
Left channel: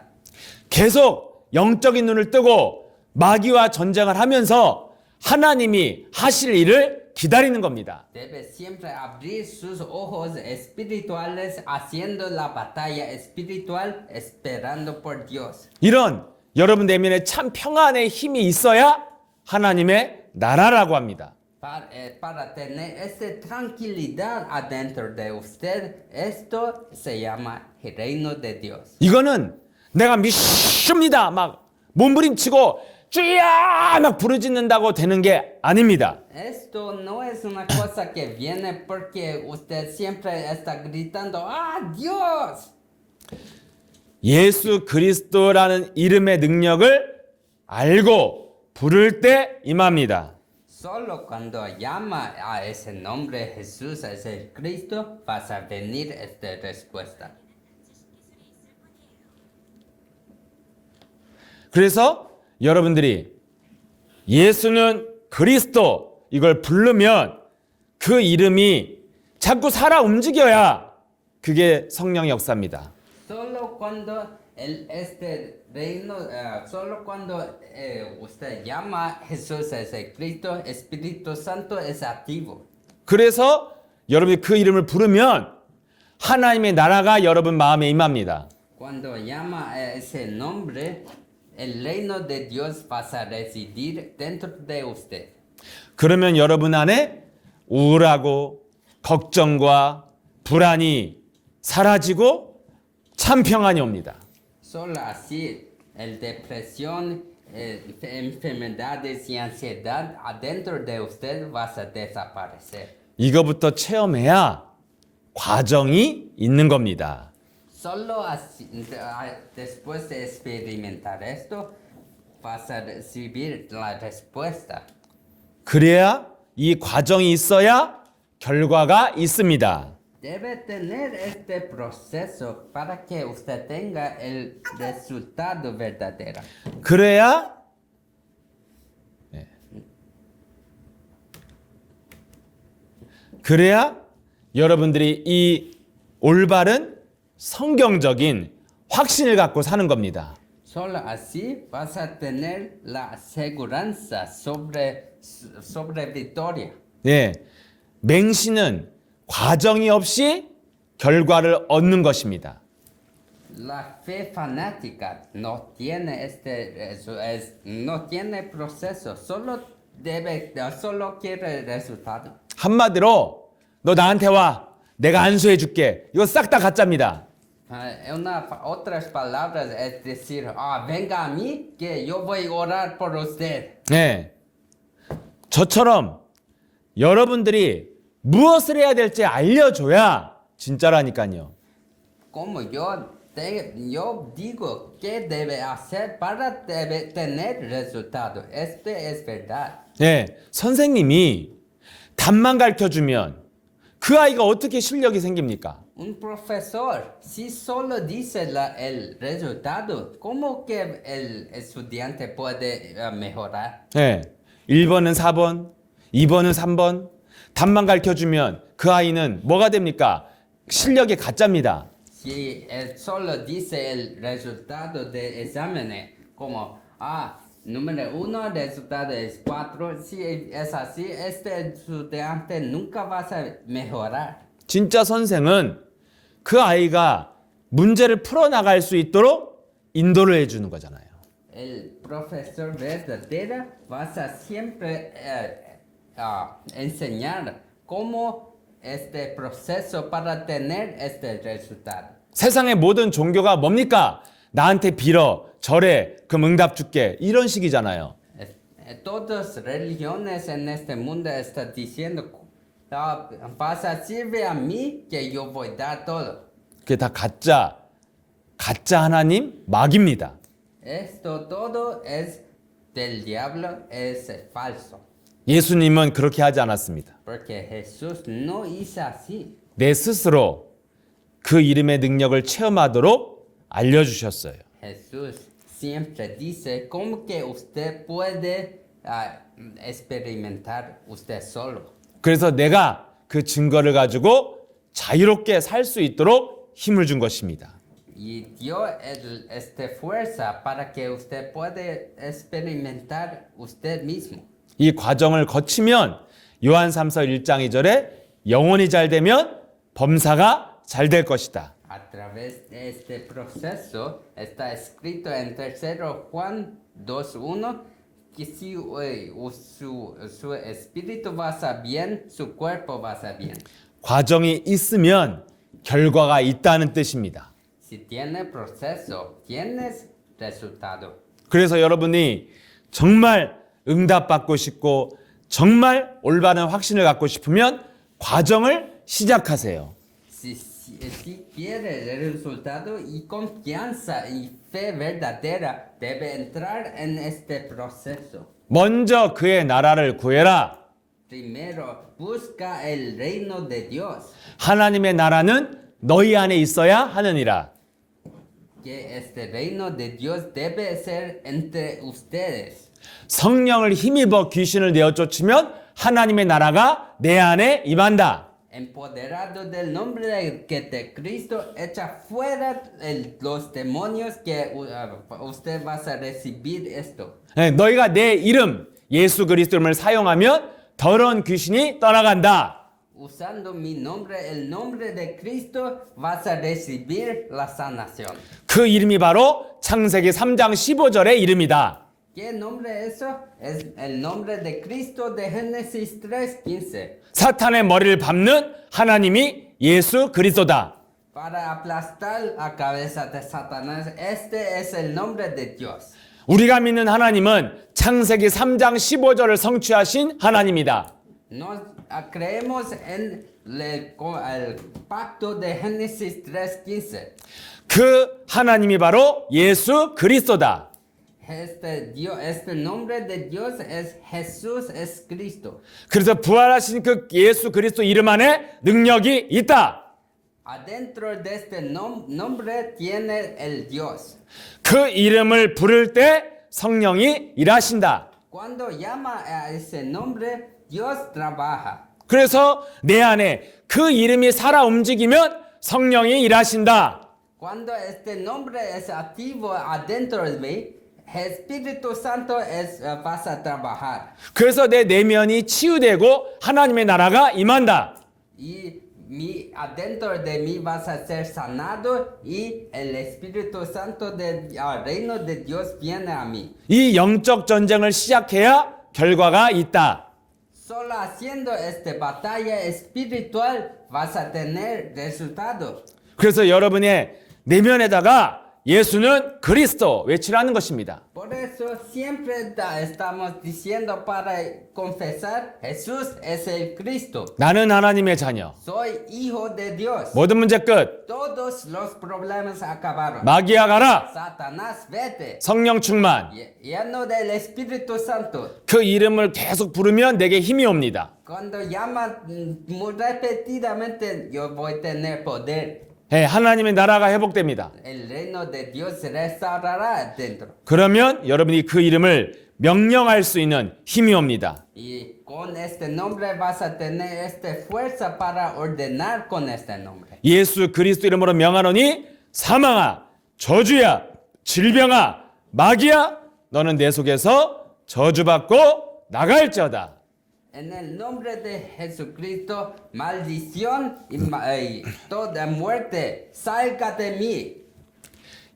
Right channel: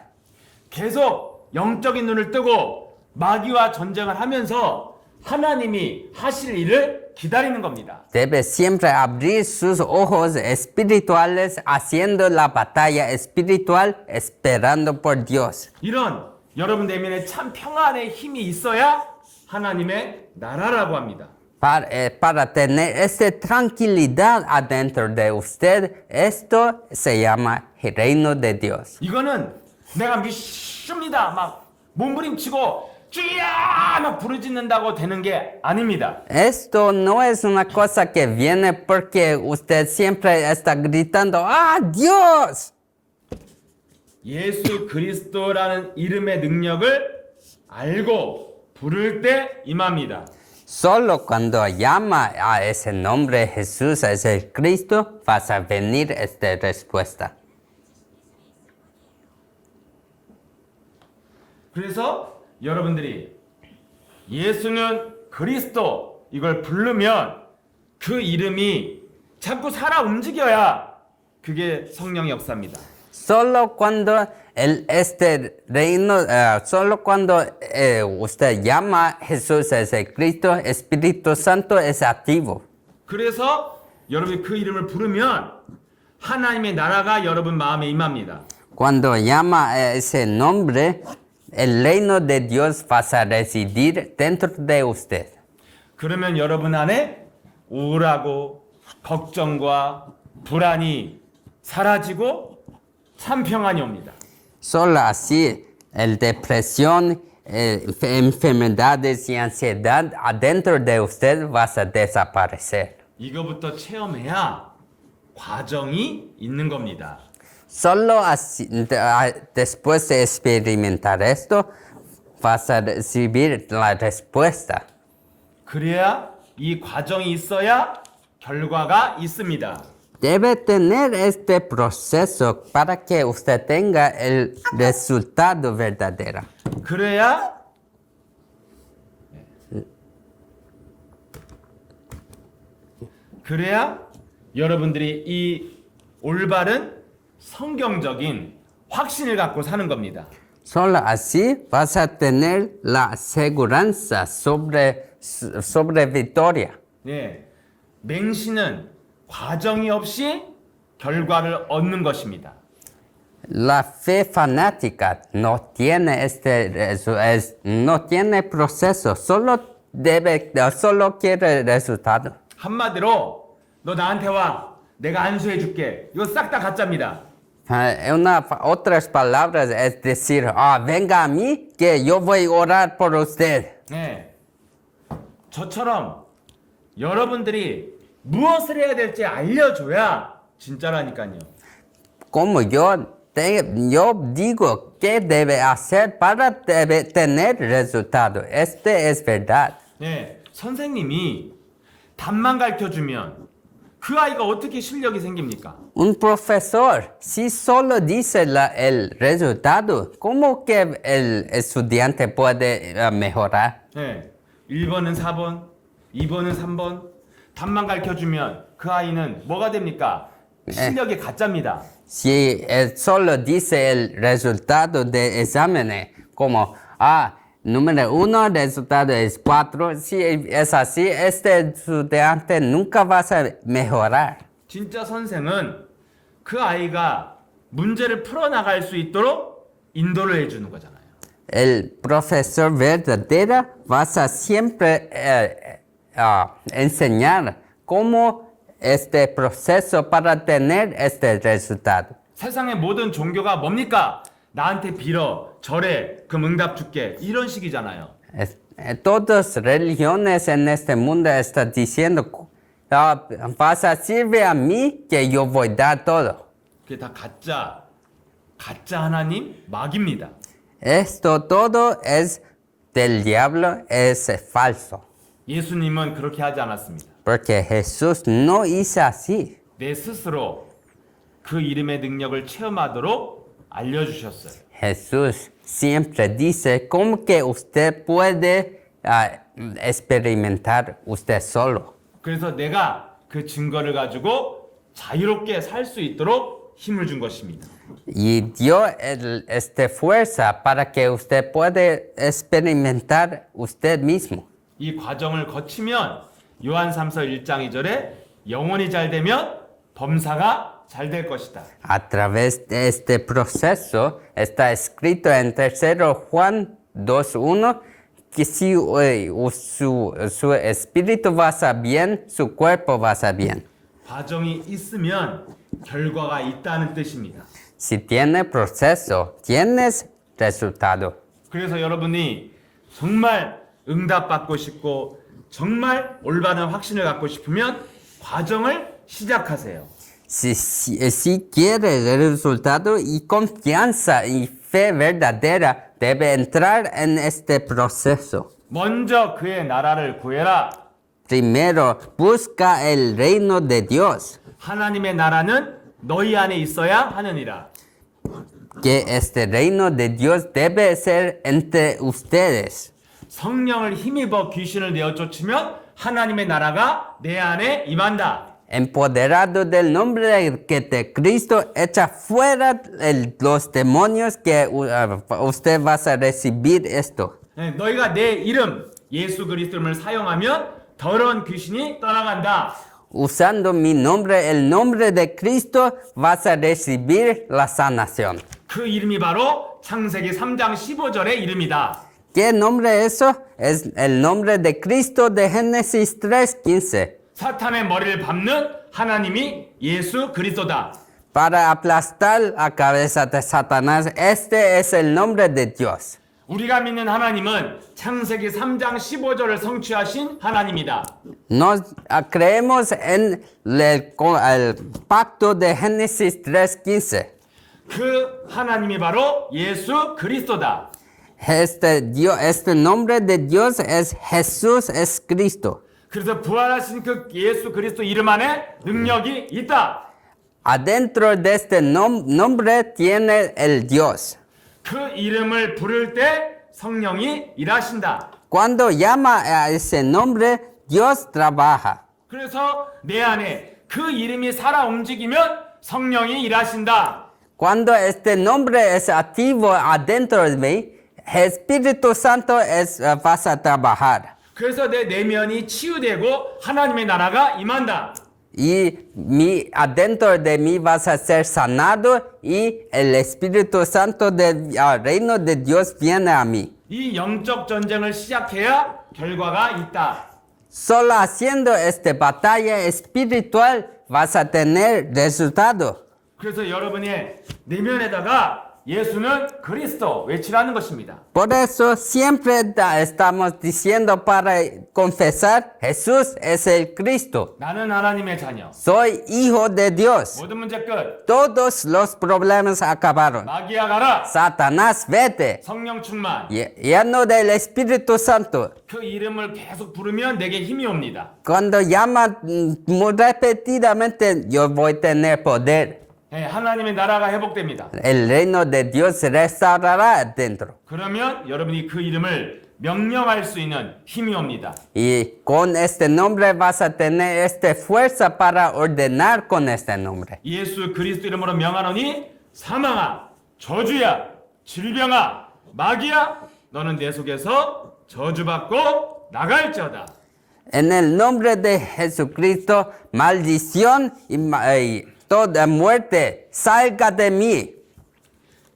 계속 영적인 눈을 뜨고 마귀와 전쟁을 하면서 하나님이 하실 일을 기다리는 겁니다. Debe siempre abrir sus ojos espirituales haciendo la batalla espiritual esperando por Dios. 이런 여러분 내면에 참 평안의 힘이 있어야 하나님의 나라라고 합니다. Para tener esta tranquilidad adentro de usted, esto se llama el reino de Dios. 이거는 내가 믿습니다 막 몸부림치고 주야 막 부르짖는다고 되는 게 아닙니다. Esto no es una cosa que viene porque usted siempre está gritando, ¡Ah, Dios! 예수 그리스도라는 이름의 능력을 알고 부를 때 임합니다. Solo cuando llama a ese nombre Jesús, es el Cristo, vas a venir esta respuesta. 그래서 여러분들이 예수는 그리스도 이걸 부르면 그 이름이 자꾸 살아 움직여야 그게 성령의 역사입니다. Solo cuando solo cuando usted llama a Jesús, es el Cristo, Espíritu Santo es activo. 그래서 여러분이 그 이름을 부르면 하나님의 나라가 여러분 마음에 임합니다. Cuando llama a ese nombre, el reino de Dios va a residir dentro de usted. 그러면 여러분 안에 우울하고 걱정과 불안이 사라지고 참 평안이 옵니다. Solo así, el depresión, enfermedades y ansiedad adentro de usted va a desaparecer. 이거부터 체험해야 과정이 있는 겁니다. Solo así, después de experimentar esto, vas a recibir la respuesta. 그래야 이 과정이 있어야 결과가 있습니다. Debe tener este proceso para que usted tenga el resultado verdadero. 그래야 그래야 여러분들이 이 올바른 성경적인 확신을 갖고 사는 겁니다. Solo así vas a tener la seguridad sobre victoria. 예, 맹신은 과정이 없이 결과를 얻는 것입니다. La fe fanática no tiene no tiene proceso, solo quiere resultado. 한마디로 너 나한테 와, 내가 안수해 줄게. 이거 싹 다 가짜입니다. Otras palabras es decir, venga a mí que yo voy a orar por usted. 네, 저처럼 여러분들이 무엇을 해야 될지 알려줘야 진짜라니까요. Como yo digo qué debe hacer para tener resultado. Este es verdad. 네, 선생님이 답만 가르쳐주면 그 아이가 어떻게 실력이 생깁니까? Un profesor, si solo dice el resultado, ¿cómo que el estudiante puede mejorar? 네, 1번은 4번, 2번은 3번 답만 가르쳐주면 그 아이는 뭐가 됩니까? 실력이 가짜입니다. Si él solo dice el resultado de exámenes, como, número 1, el resultado es 4, si es así, este estudiante nunca va a mejorar. 진짜 선생은 그 아이가 문제를 풀어나갈 수 있도록 인도를 해주는 거잖아요. El profesor verdadero va a siempre enseñar cómo este proceso para tener este resultado. 세상의 모든 종교가 뭡니까? 나한테 빌어, 절해, 그럼 응답 줄게. 이런 식이잖아요. Todas religiones en este mundo están diciendo, vas a servir a mí que yo voy a dar todo. 그게 다 가짜 하나님 마귀입니다. Esto todo es del diablo, es falso. 예수님은 그렇게 하지 않았습니다. Porque Jesús no hizo así. 내 스스로 그 이름의 능력을 체험하도록 알려주셨어요. Jesús siempre dice cómo que usted puede experimentar usted solo. 그래서 내가 그 증거를 가지고 자유롭게 살 수 있도록 힘을 준 것입니다. Y dio esta fuerza para que usted pueda experimentar usted mismo. 이 과정을 거치면 요한 3서 1장 2절에 영혼이 잘 되면 범사가 잘 될 것이다. A través de este proceso está escrito en 3 Juan 2:1 que si su espíritu va a estar bien, su cuerpo va a estar bien. 과정이 있으면 결과가 있다는 뜻입니다. Si tiene proceso, tienes resultado. 그래서 여러분이 정말 응답받고 싶고 정말 올바른 확신을 갖고 싶으면 과정을 시작하세요. Si quieres el resultado y confianza y fe verdadera, debe entrar en este proceso. 먼저 그의 나라를 구해라. Primero, busca el reino de Dios, 하나님의 나라는 너희 안에 있어야 하느니라. que este reino de Dios debe ser entre ustedes. 성령을 힘입어 귀신을 내어 쫓으면 하나님의 나라가 내 안에 임한다. Empoderado del nombre de Cristo, echa fuera los demonios que usted va a recibir esto. 네, 너희가 내 이름 예수 그리스도 이름을 사용하면 더러운 귀신이 떠나간다. Usando mi nombre, el nombre de Cristo, vas a recibir la sanación. 그 이름이 바로 창세기 3장 15절의 이름이다. ¿Qué nombre es eso? Es el nombre de Cristo de Génesis 3:15. 사탄의 머리를 밟는 하나님이 예수 그리스도다. Para aplastar la cabeza de Satanás, este es el nombre de Dios. 우리가 믿는 하나님은 창세기 3장 15절을 성취하신 하나님이다. Nos creemos en el pacto de Génesis 3:15. 그 하나님이 바로 예수 그리스도다. Este nombre de Dios es Jesús, es Cristo. 그래서 부활하신 그 예수 그리스도 이름 안에 능력이 있다. Adentro de este nombre tiene el Dios. 그 이름을 부를 때 성령이 일하신다. Cuando llama a ese nombre, Dios trabaja. 그래서 내 안에 그 이름이 살아 움직이면 성령이 일하신다. Cuando este nombre es activo adentro de mí, Espíritu Santo vas a trabajar. 그래서 내 내면이 치유되고 하나님의 나라가 임한다. Y adentro de mí vas a ser sanado y el Espíritu Santo del reino de Dios viene a mí. 이 영적 전쟁을 시작해야 결과가 있다. Solo haciendo esta batalla espiritual vas a tener resultado. 그래서 여러분의 내면에다가 예수는 그리스도 외치라는 것입니다. Por eso siempre estamos diciendo para confesar, Jesús es el Cristo. 나는 하나님의 자녀. Soy hijo de Dios. 모든 문제 끝. Todos los problemas acabaron. 마귀야 가라. Satanás, vete. 성령 충만. Lleno del Espíritu Santo. 그 이름을 계속 부르면 내게 힘이 옵니다. Cuando llama muy repetidamente, yo voy a tener poder. 네, 하나님의 나라가 회복됩니다. El reino de Dios se restaurará dentro. 그러면 여러분이 그 이름을 명령할 수 있는 힘이 옵니다. Y con este nombre vas a tener esta fuerza para ordenar con este nombre. 예수 그리스도 이름으로 명하노니 사망아, 저주야, 질병아, 마귀야, 너는 내 속에서 저주받고 나갈지어다. En el nombre de Jesucristo, maldición y toda muerte salga de mí.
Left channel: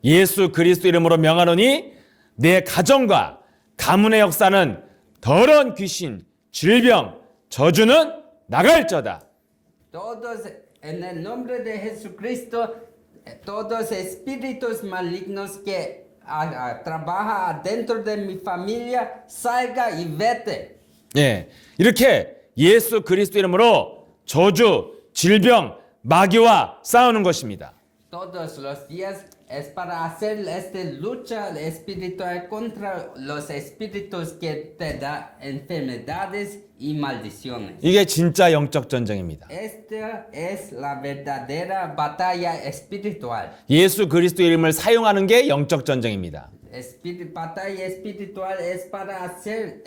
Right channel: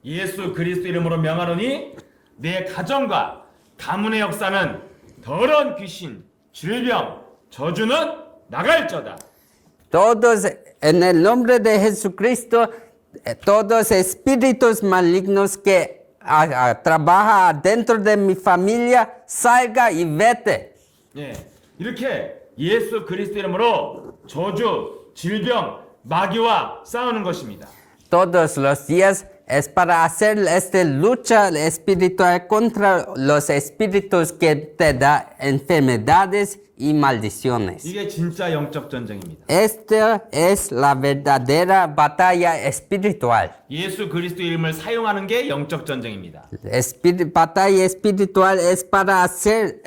예수 그리스도 이름으로 명하노니 내 가정과 가문의 역사는 더러운 귀신, 질병, 저주는 나갈지어다. Todos, en el nombre de Jesucristo, todos espíritus malignos que trabajan dentro de mi familia, salga y vete. 예, 이렇게 예수 그리스도 이름으로 저주, 질병, 마귀와 싸우는 것입니다. Todos los días es para hacer esta lucha espiritual contra los espíritus que te dan enfermedades y maldiciones. 이게 진짜 영적 전쟁입니다. Esta es la verdadera batalla espiritual. 예수 그리스도 이름을 사용하는 게 영적 전쟁입니다. Batalla espiritual es para hacer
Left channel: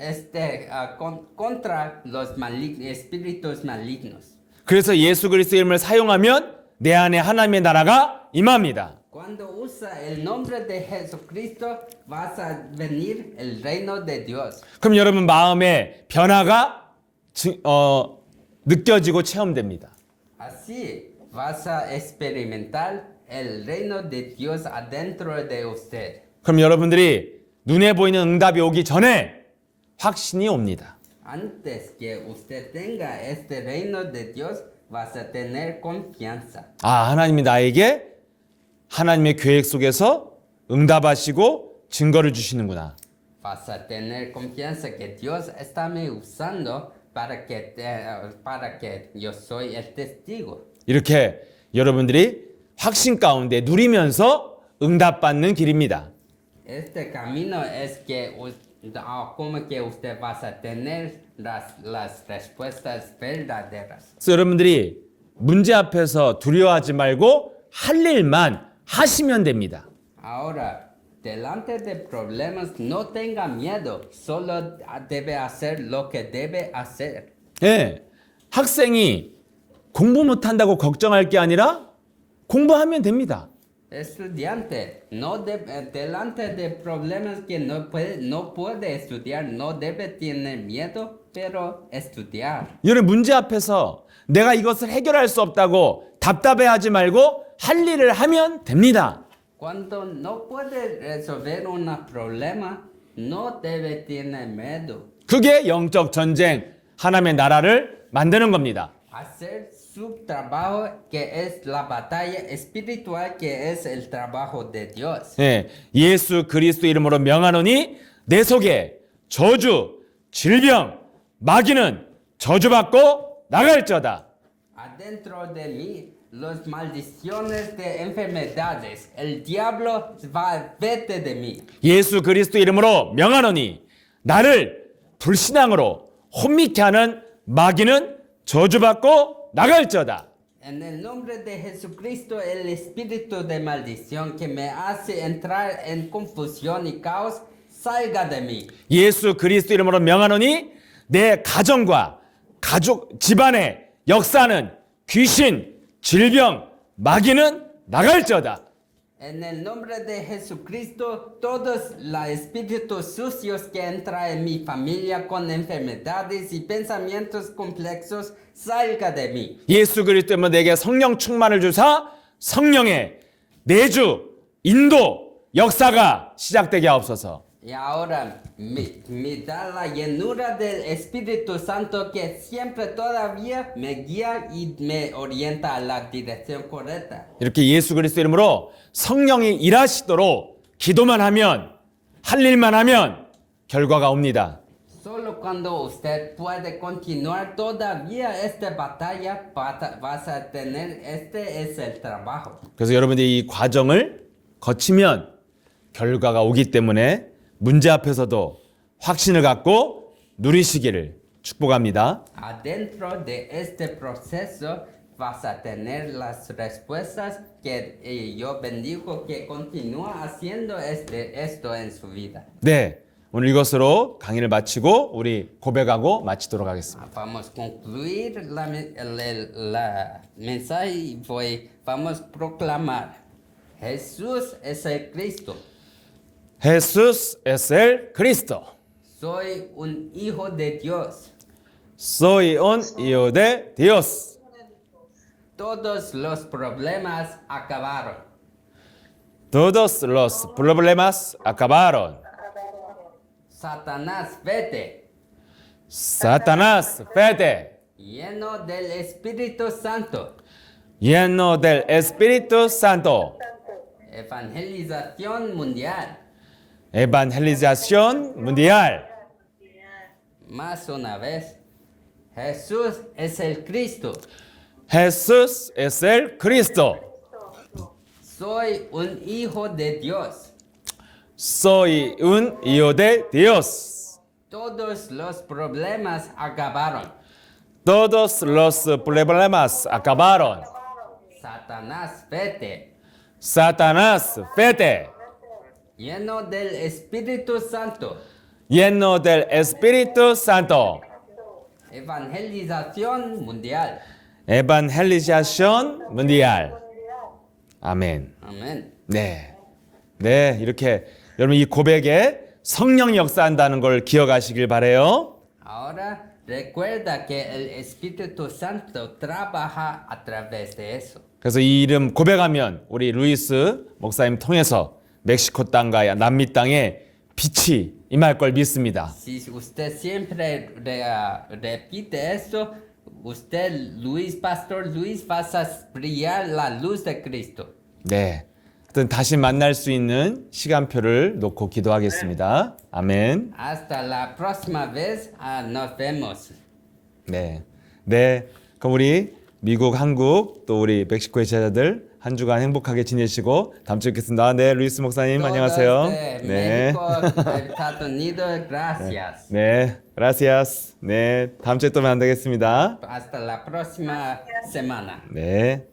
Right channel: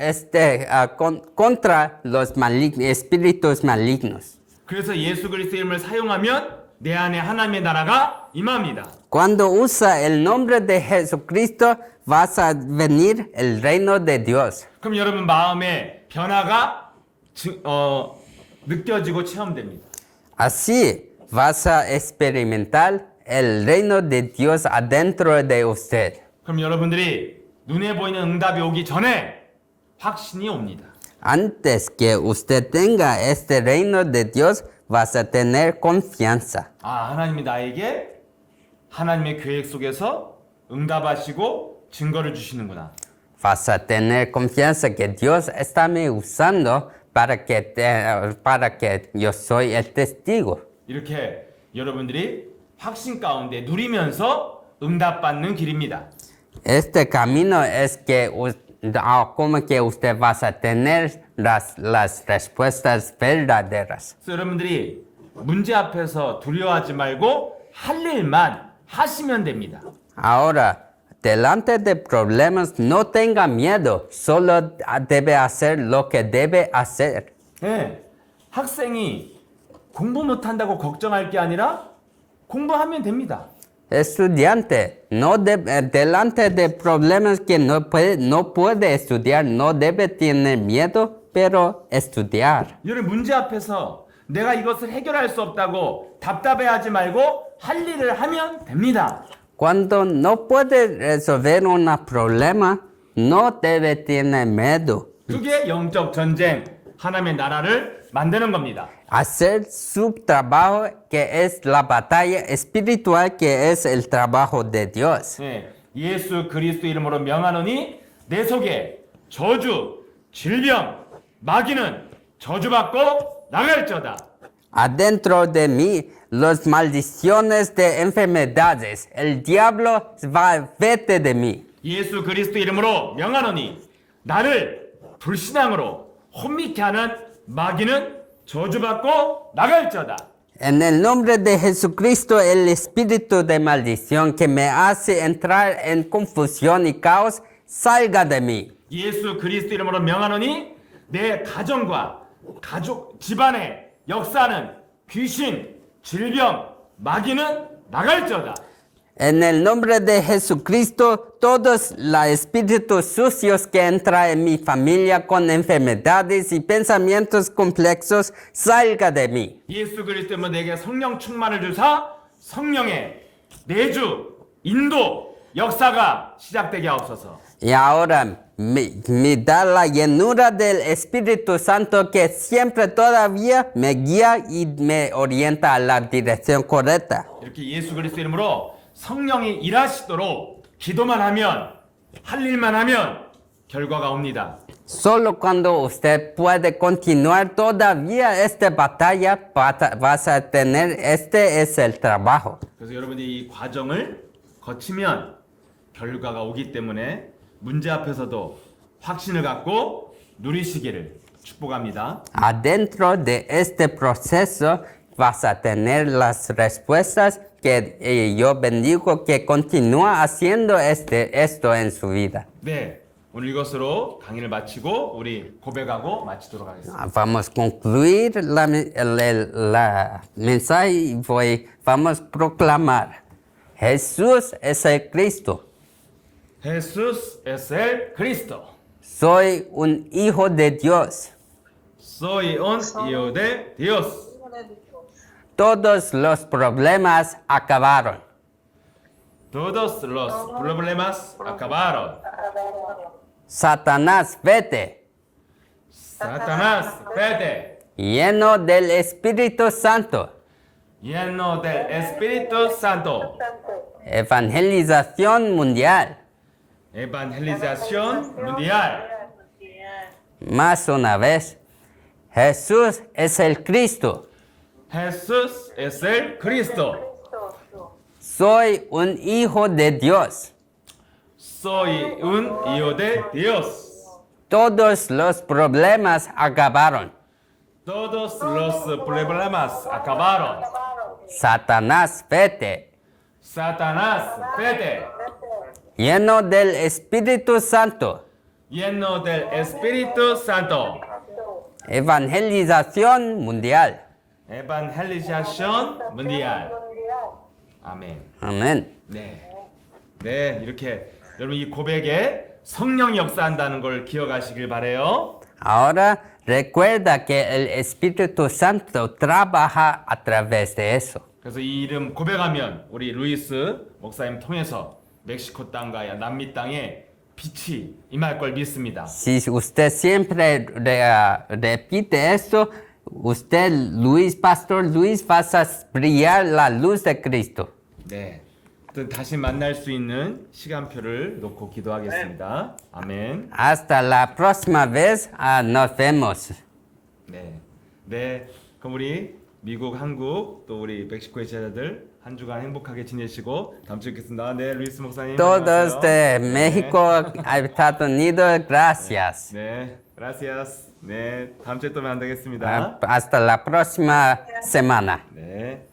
contra los espíritus malignos. 그래서 예수 그리스도 이름을 사용하면 내 안에 하나님의 나라가 임합니다. Cuando usa el nombre de Jesucristo, vas a venir el reino de Dios. 그럼 여러분 마음에 변화가 느껴지고 체험됩니다. Así vas a experimentar el reino de Dios adentro de usted. 그럼 여러분들이 눈에 보이는 응답이 오기 전에 확신이 옵니다. Antes que usted tenga este reino de Dios, vas a tener confianza. 아, 하나님이 나에게 하나님의 계획 속에서 응답하시고 증거를 주시는구나. Vas a tener confianza que Dios está me usando para que yo soy el testigo. 이렇게 여러분들이 확신 가운데 누리면서 응답받는 길입니다. Este camino es que como que usted vas a tener las respuestas verdaderas. 그래서 여러분들이 문제 앞에서 두려워하지 말고 할 일만 하시면 됩니다. Ahora, delante de problemas, no tenga miedo, solo debe hacer lo que debe hacer. 예, 학생이 공부 못한다고 걱정할 게 아니라 공부하면 됩니다. Estudiante, delante de problemas que no puede estudiar, no debe tener miedo, pero estudiar. 여러분 문제 앞에서 내가 이것을 해결할 수 없다고 답답해하지 말고 할 일을 하면 됩니다. Cuando no puede resolver un problema, no debe tener miedo. 그게 영적 전쟁, 하나님의 나라를 만드는 겁니다. Hacer su trabajo, que es la batalla espiritual, que es el trabajo de Dios. 예, 예수 그리스도 이름으로 명하노니 내 속에 저주, 질병, 마귀는 저주받고 나갈지어다. Adentro de mí, las maldiciones de enfermedades, el diablo va vete de mí. 예수 그리스도 이름으로 명하노니 나를 불신앙으로 혼미케 하는 마귀는 저주받고 나갈지어다. En el nombre de Jesucristo, el espíritu de maldición que me hace entrar en confusión y caos, salga de mí. 예수 그리스도 이름으로 명하노니 내 가정과 가족 집안에 역사하는 귀신, 질병, 마귀는 나갈지어다. En el nombre de Jesucristo, todos los espíritus sucios que entran en mi familia con enfermedades y pensamientos complejos, salga de mí. 예수 그리스도 이름으로 내게 성령 충만을 주사 성령의 내주, 인도, 역사가 시작되게 하옵소서. Y ahora me da la llenura del Espíritu Santo que siempre todavía me guía y me orienta a la dirección correcta. 이렇게 예수 그리스도 이름으로 성령이 일하시도록 기도만 하면 할 일만 하면 결과가 옵니다. Solo cuando usted puede continuar todavía esta batalla, vas a tener, este es el trabajo. 그래서 여러분들이 이 과정을 거치면 결과가 오기 때문에 문제 앞에서도 확신을 갖고 누리시기를 축복합니다. Adentro de este proceso vas a tener las respuestas que yo bendigo que continúa haciendo esto en su vida. 네, 오늘 이것으로 강의를 마치고 우리 고백하고 마치도록 하겠습니다. Vamos a concluir la mensaje y vamos a proclamar: Jesús es el Cristo. Jesús es el Cristo. Soy un hijo de Dios. Soy un hijo de Dios. Todos los problemas acabaron. Todos los problemas acabaron. Satanás, vete, Satanás, vete, lleno del Espíritu Santo. lleno del Espíritu Santo. Evangelización mundial. Evangelización mundial. Más una vez, Jesús es el Cristo. Jesús es el Cristo. Soy un hijo de Dios. Soy un hijo de Dios. Todos los problemas acabaron. Todos los problemas acabaron. Satanás, vete, Satanás, vete, lleno del Espíritu Santo. lleno del Espíritu Santo. Evangelización mundial. Evangelización mundial. 아멘. Amén. 네. 네, 이렇게 여러분 이 고백에 성령 역사한다는 걸 기억하시길 바래요. Ahora recuerda que el Espíritu Santo trabaja a través de eso. 그래서 이 이름 고백하면 우리 루이스 목사님 통해서 멕시코 땅과 남미 땅에 빛이 임할 걸 믿습니다. Si usted siempre repite esto, usted, Pastor Luis, vas a brillar la luz de Cristo. 네. 하여튼 다시 만날 수 있는 시간표를 놓고 기도하겠습니다. 아멘. Hasta la próxima vez, nos vemos. 네. 네. 그럼 우리 미국, 한국, 또 우리 멕시코의 제자들 한 주간 행복하게 지내시고 다음 주에 뵙겠습니다. 네, 루이스 목사님 안녕하세요. Todos de 네. México, Estados Unidos, gracias. 네, gracias. 네, 다음 주에 또 만나겠습니다. Hasta la próxima semana. 네.